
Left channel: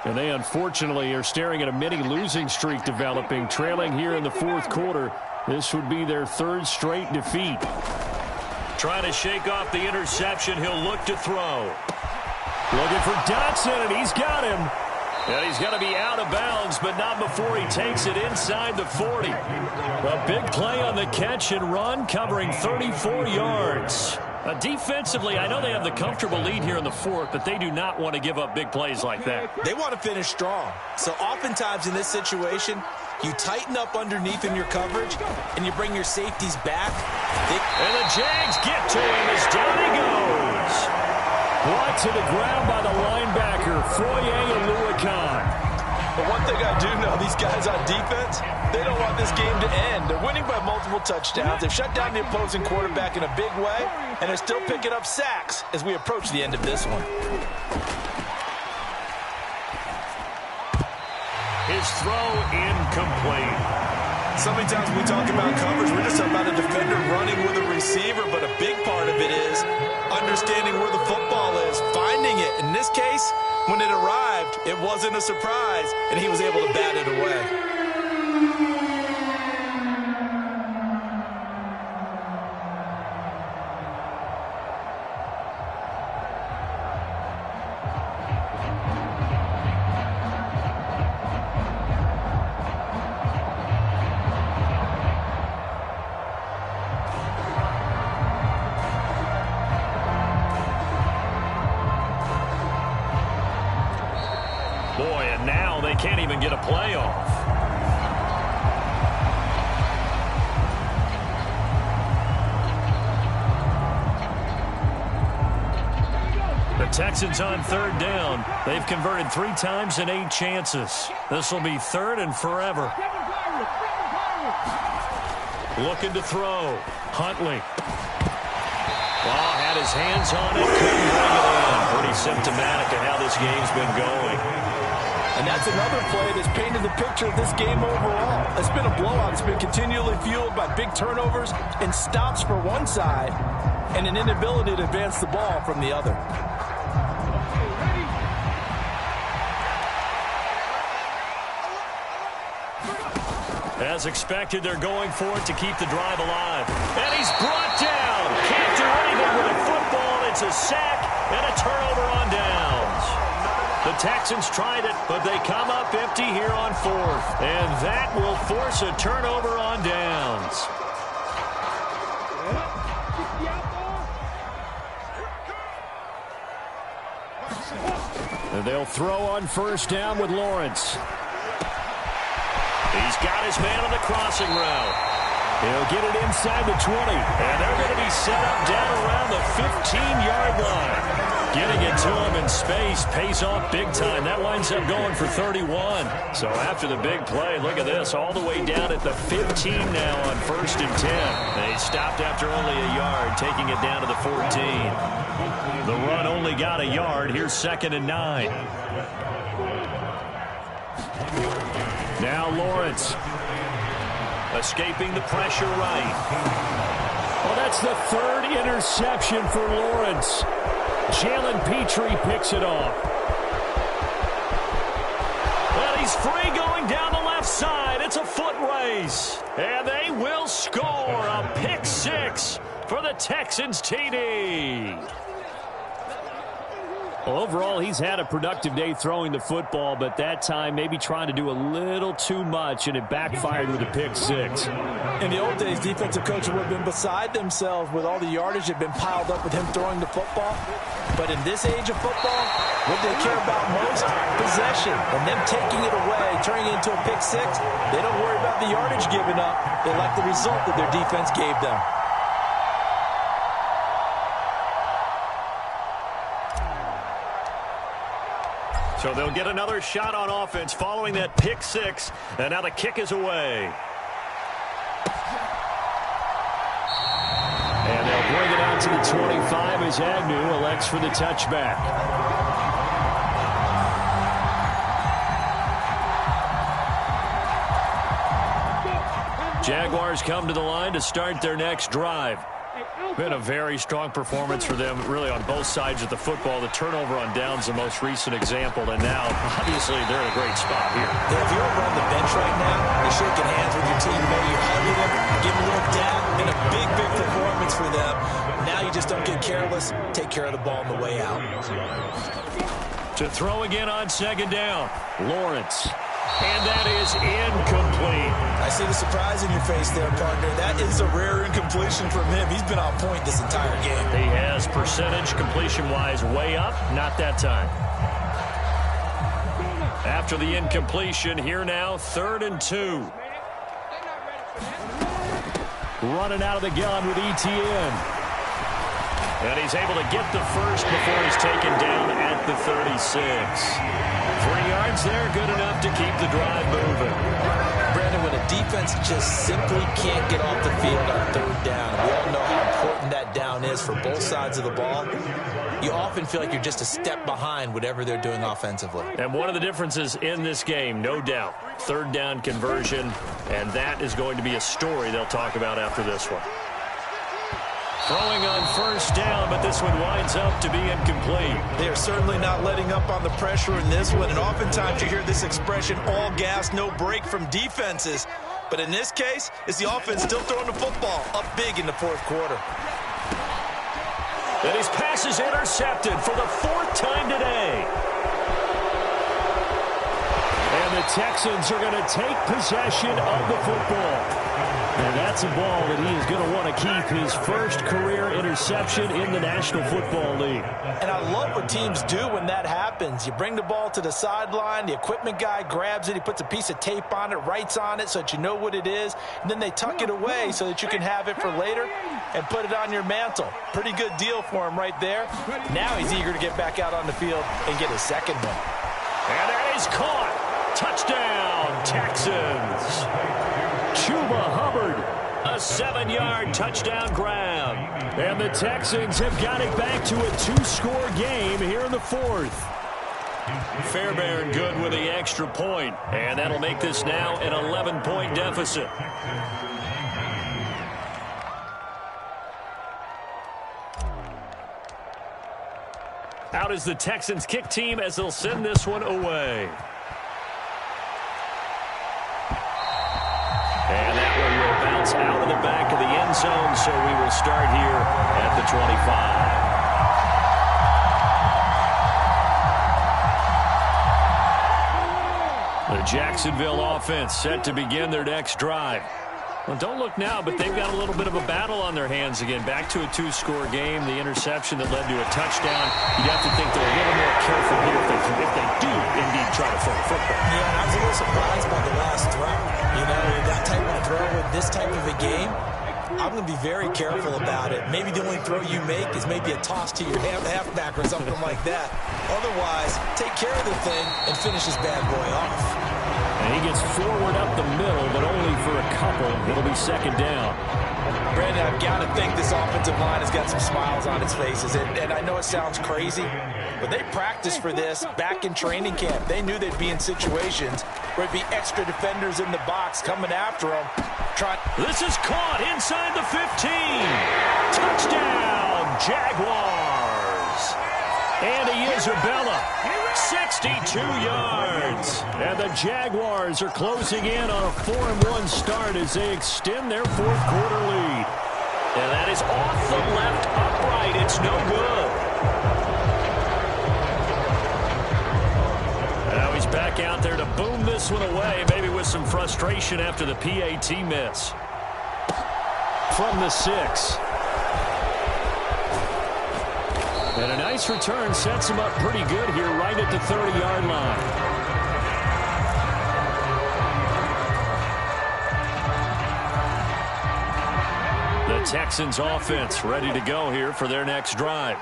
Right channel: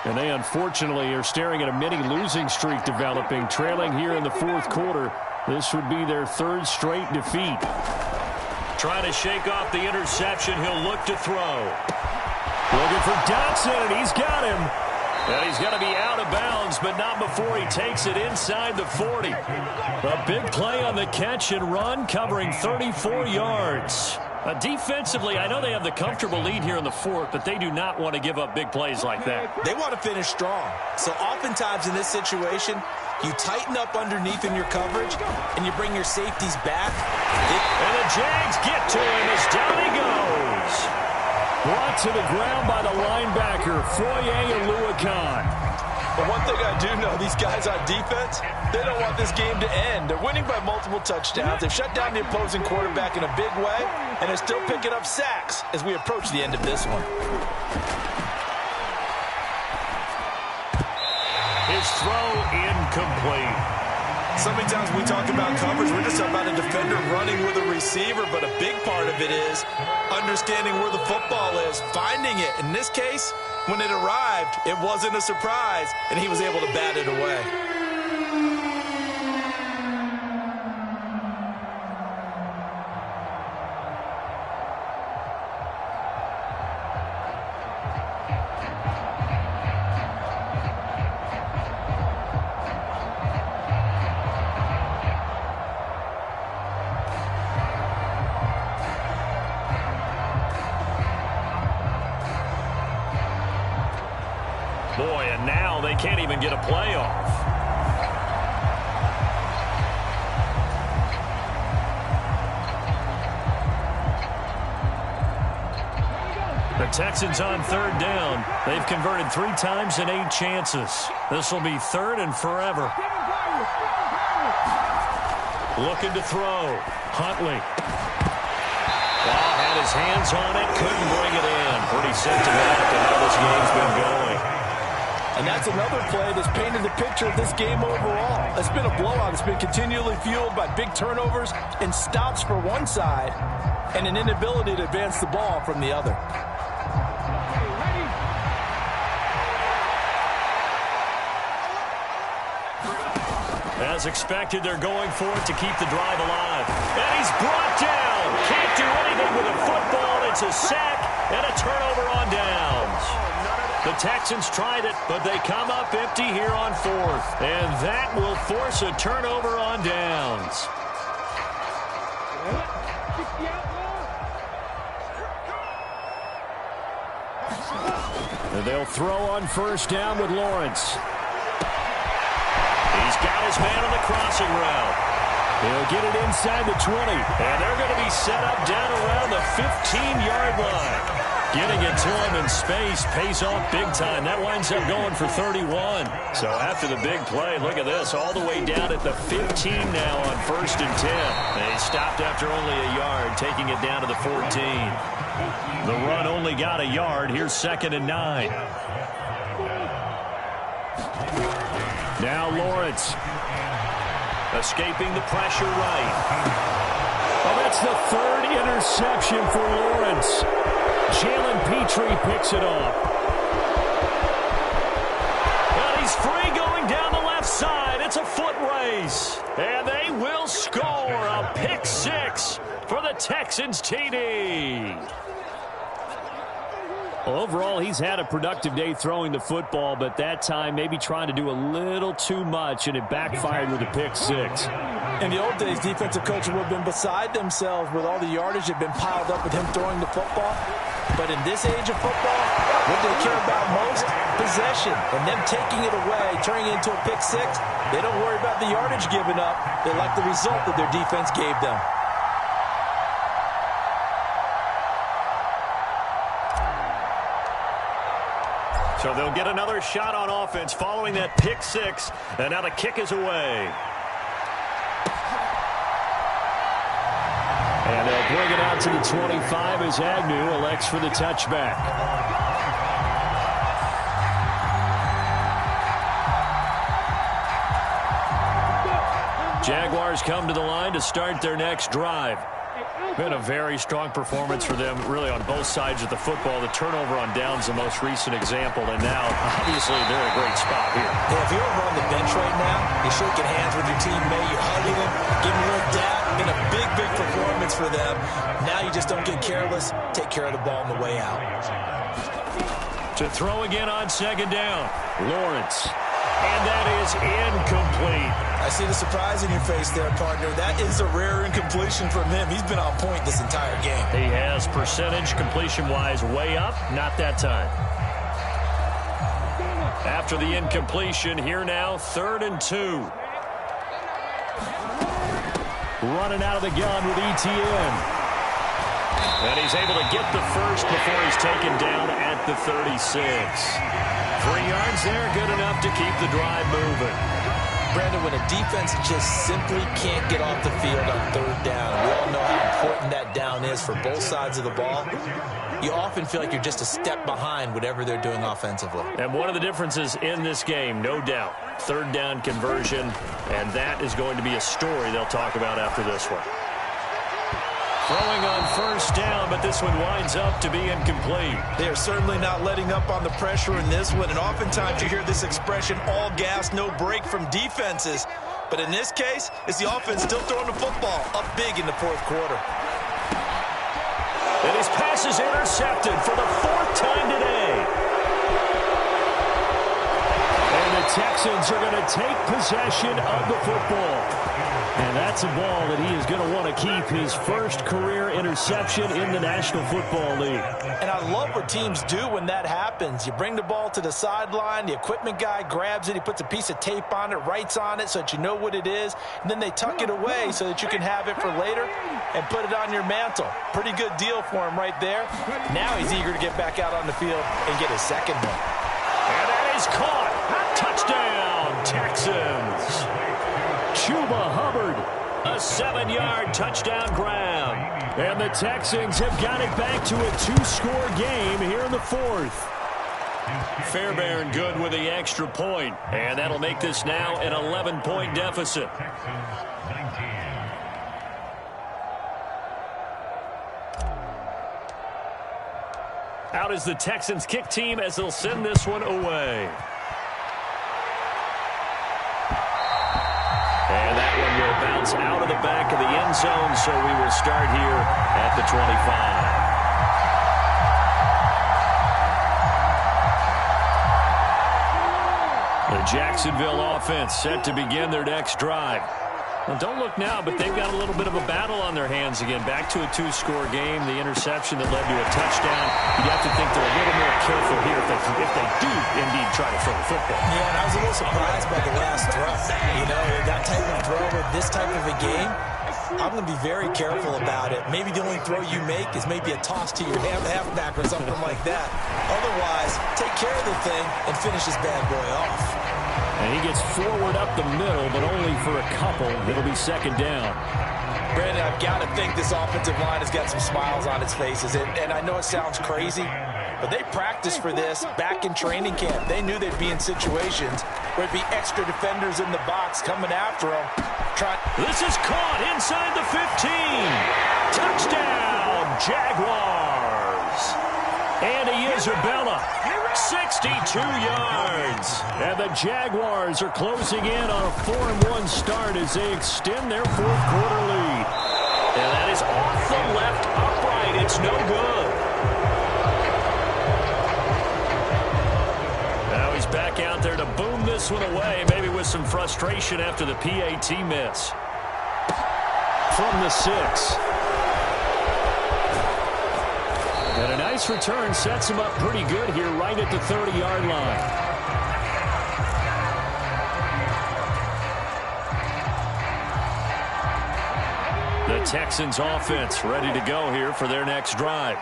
And they unfortunately are staring at a mini losing streak developing, trailing here in the fourth quarter. This would be their 3rd straight defeat. Trying to shake off the interception. He'll look to throw. Looking for Dotson, and he's got him. And he's going to be out of bounds, but not before he takes it inside the 40. A big play on the catch and run, covering 34 yards. Defensively, I know they have the comfortable lead here in the fourth, but they do not want to give up big plays like that. They want to finish strong. So oftentimes in this situation, you tighten up underneath in your coverage, and you bring your safeties back. And the Jags get to him as down he goes. Brought to the ground by the linebacker, Foye Oluokun. But one thing I do know, these guys on defense, they don't want this game to end. They're winning by multiple touchdowns. They've shut down the opposing quarterback in a big way, and they're still picking up sacks as we approach the end of this one. His throw incomplete. So many times when we talk about coverage, we're just about a defender running with a receiver, but a big part of it is understanding where the football is, finding it. In this case, when it arrived, it wasn't a surprise, and he was able to bat it away. Boy, and now they can't even get a playoff. The Texans on 3rd down. They've converted 3 times in 8 chances. This will be 3rd and forever. Looking to throw. Huntley. Well, had his hands on it, couldn't bring it in. Pretty symptomatic of how this game's been going. And that's another play that's painted the picture of this game overall. It's been a blowout. It's been continually fueled by big turnovers and stops for one side and an inability to advance the ball from the other. As expected, they're going for it to keep the drive alive. And he's brought down. Can't do anything with a football. It's a sack and a turnover on downs. The Texans tried it, but they come up empty here on 4th. And that will force a turnover on downs. And they'll throw on 1st down with Lawrence. He's got his man on the crossing route. He'll get it inside the 20. And they're going to be set up down around the 15-yard line. Getting it to him in space pays off big time. That winds up going for 31. So after the big play, look at this, all the way down at the 15 now on 1st and 10. They stopped after only a yard, taking it down to the 14. The run only got a yard. Here's 2nd and 9. Now Lawrence. Escaping the pressure right. Oh, that's the 3rd interception for Lawrence. Jalen Petrie picks it off. Well, he's free going down the left side. It's a foot race. And they will score a pick 6 for the Texans TD. Well, overall, he's had a productive day throwing the football, but that time maybe trying to do a little too much, and it backfired with a pick 6. In the old days, defensive coaches would have been beside themselves with all the yardage that had been piled up with him throwing the football. But in this age of football, what they care about most? Possession. And them taking it away, turning it into a pick 6, they don't worry about the yardage given up. They like the result that their defense gave them. So they'll get another shot on offense following that pick 6. And now the kick is away. And they'll bring it out to the 25 as Agnew elects for the touchback. Jaguars come to the line to start their next drive. Been a very strong performance for them, really, on both sides of the football. The turnover on downs, the most recent example, and now, obviously, they're in a great spot here. Yeah, if you're over on the bench right now, you're shaking hands with your teammate, you're hugging them, giving a little dap. Been a big, big performance for them. Now you just don't get careless. Take care of the ball on the way out. To throw again on 2nd down, Lawrence. And that is incomplete. I see the surprise in your face there, partner. That is a rare incompletion from him. He's been on point this entire game. He has percentage completion-wise way up. Not that time. After the incompletion, here now, 3rd and 2. Running out of the gun with ETN. And he's able to get the first before he's taken down at the 36. 3 yards there, good enough to keep the drive moving. Brandon, when a defense just simply can't get off the field on 3rd down, and we all know how important that down is for both sides of the ball, you often feel like you're just a step behind whatever they're doing offensively. And one of the differences in this game, no doubt, 3rd down conversion, and that is going to be a story they'll talk about after this one. Throwing on 1st down, but this one winds up to be incomplete. They are certainly not letting up on the pressure in this one, and oftentimes you hear this expression, all gas, no break from defenses. But in this case, it's the offense still throwing the football up big in the 4th quarter. And his pass is intercepted for the 4th time today. And the Texans are going to take possession of the football. And that's a ball that he is going to want to keep, his first career interception in the National Football League. And I love what teams do when that happens. You bring the ball to the sideline, the equipment guy grabs it, he puts a piece of tape on it, writes on it so that you know what it is, and then they tuck it away so that you can have it for later and put it on your mantle. Pretty good deal for him right there. Now he's eager to get back out on the field and get his 2nd one. And that is caught. Touchdown, Texans. Chuba Hubbard, a 7-yard touchdown grab. And the Texans have got it back to a 2-score game here in the 4th. Fairbairn good with the extra point. And that'll make this now an 11-point deficit. Out is the Texans kick team as they'll send this one away. And that one will bounce out of the back of the end zone, so we will start here at the 25. The Jacksonville offense set to begin their next drive. Well, don't look now, but they've got a little bit of a battle on their hands again. Back to a 2-score game. The interception that led to a touchdown. You'd have to think they're a little more careful here if they do indeed try to throw the football. Yeah, and I was a little surprised by the last throw. You know, that type of throw with this type of a game, I'm going to be very careful about it. Maybe the only throw you make is maybe a toss to your halfback or something like that. Otherwise, take care of the thing and finish this bad boy off. And he gets forward up the middle, but only for a couple. It'll be second down. Brandon, I've got to think this offensive line has got some smiles on its faces. And I know it sounds crazy, but they practiced for this back in training camp. They knew they'd be in situations where it'd be extra defenders in the box coming after them. This is caught inside the 15. Touchdown, Jaguars. Andy Isabella, 62 yards. And the Jaguars are closing in on a 4-1 start as they extend their fourth quarter lead. And that is off the left upright. It's no good. Now he's back out there to boom this one away, maybe with some frustration after the PAT miss. From the 6. And a nice return sets him up pretty good here right at the 30-yard line. The Texans offense ready to go here for their next drive.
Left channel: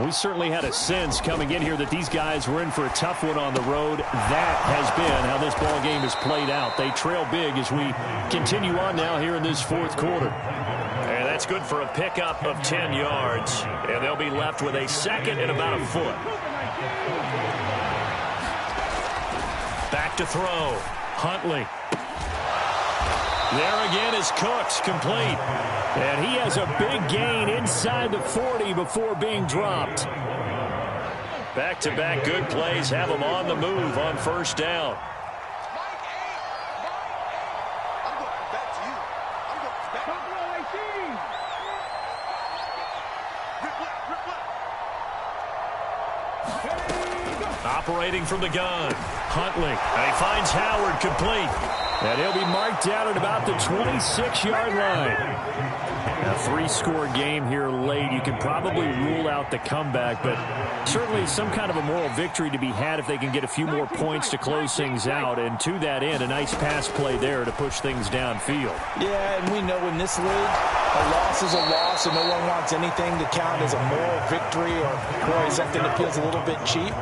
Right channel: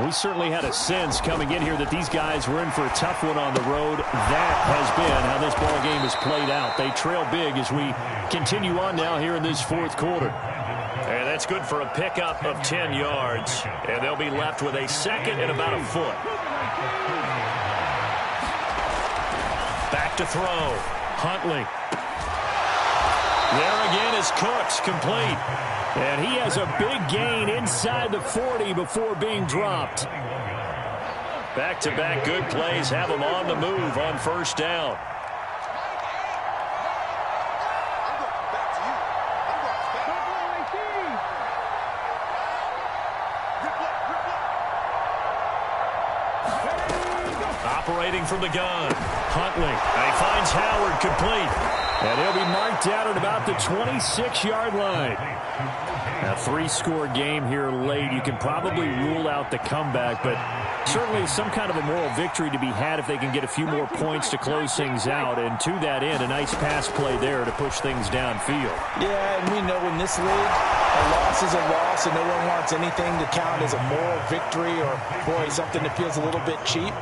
We certainly had a sense coming in here that these guys were in for a tough one on the road. That has been how this ball game has played out. They trail big as we continue on now here in this fourth quarter. And that's good for a pickup of 10 yards. And they'll be left with a second and about a foot. Back to throw. Huntley. There again is Cooks, complete. And he has a big gain inside the 40 before being dropped. Back-to-back good plays have him on the move on first down. Operating from the gun, Huntley. And he finds Howard, complete. And he'll be marked down at about the 26-yard line. A 3-score game here late. You can probably rule out the comeback, but certainly some kind of a moral victory to be had if they can get a few more points to close things out. And to that end, a nice pass play there to push things downfield. Yeah, and we know in this league, a loss is a loss, and no one wants anything to count as a moral victory or, boy, something that feels a little bit cheap.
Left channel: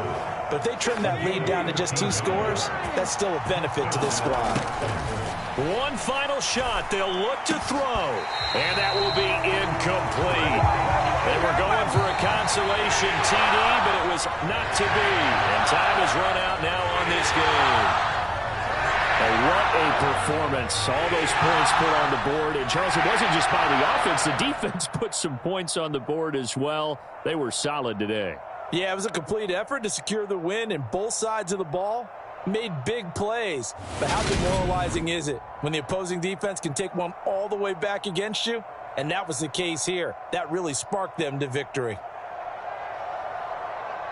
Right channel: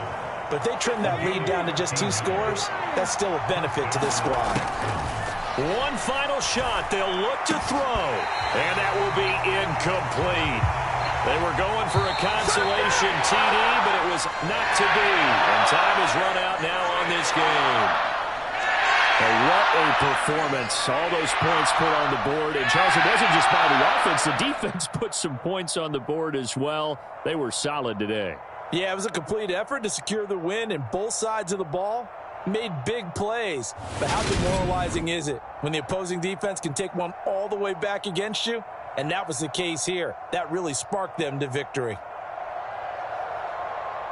But if they trim that lead down to just 2 scores, that's still a benefit to this squad. One final shot. They'll look to throw. And that will be incomplete. They were going for a consolation TD, but it was not to be. And time has run out now on this game. And what a performance. All those points put on the board. And, Charles, it wasn't just by the offense. The defense put some points on the board as well. They were solid today. Yeah, it was a complete effort to secure the win, and both sides of the ball made big plays. But how demoralizing is it when the opposing defense can take one all the way back against you? And that was the case here. That really sparked them to victory.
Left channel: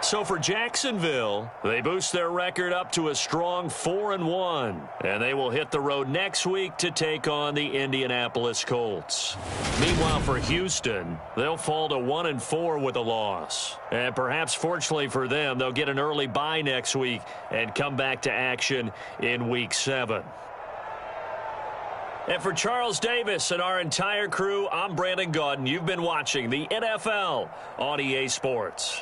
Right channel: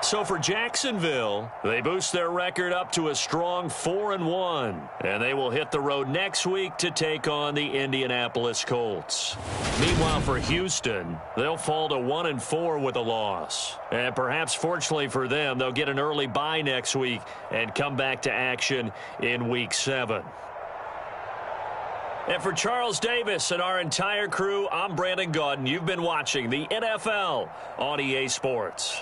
So for Jacksonville, they boost their record up to a strong 4-1. And they will hit the road next week to take on the Indianapolis Colts. Meanwhile, for Houston, they'll fall to 1-4 with a loss. And perhaps fortunately for them, they'll get an early bye next week and come back to action in Week 7. And for Charles Davis and our entire crew, I'm Brandon Gaudin. You've been watching the NFL on EA Sports.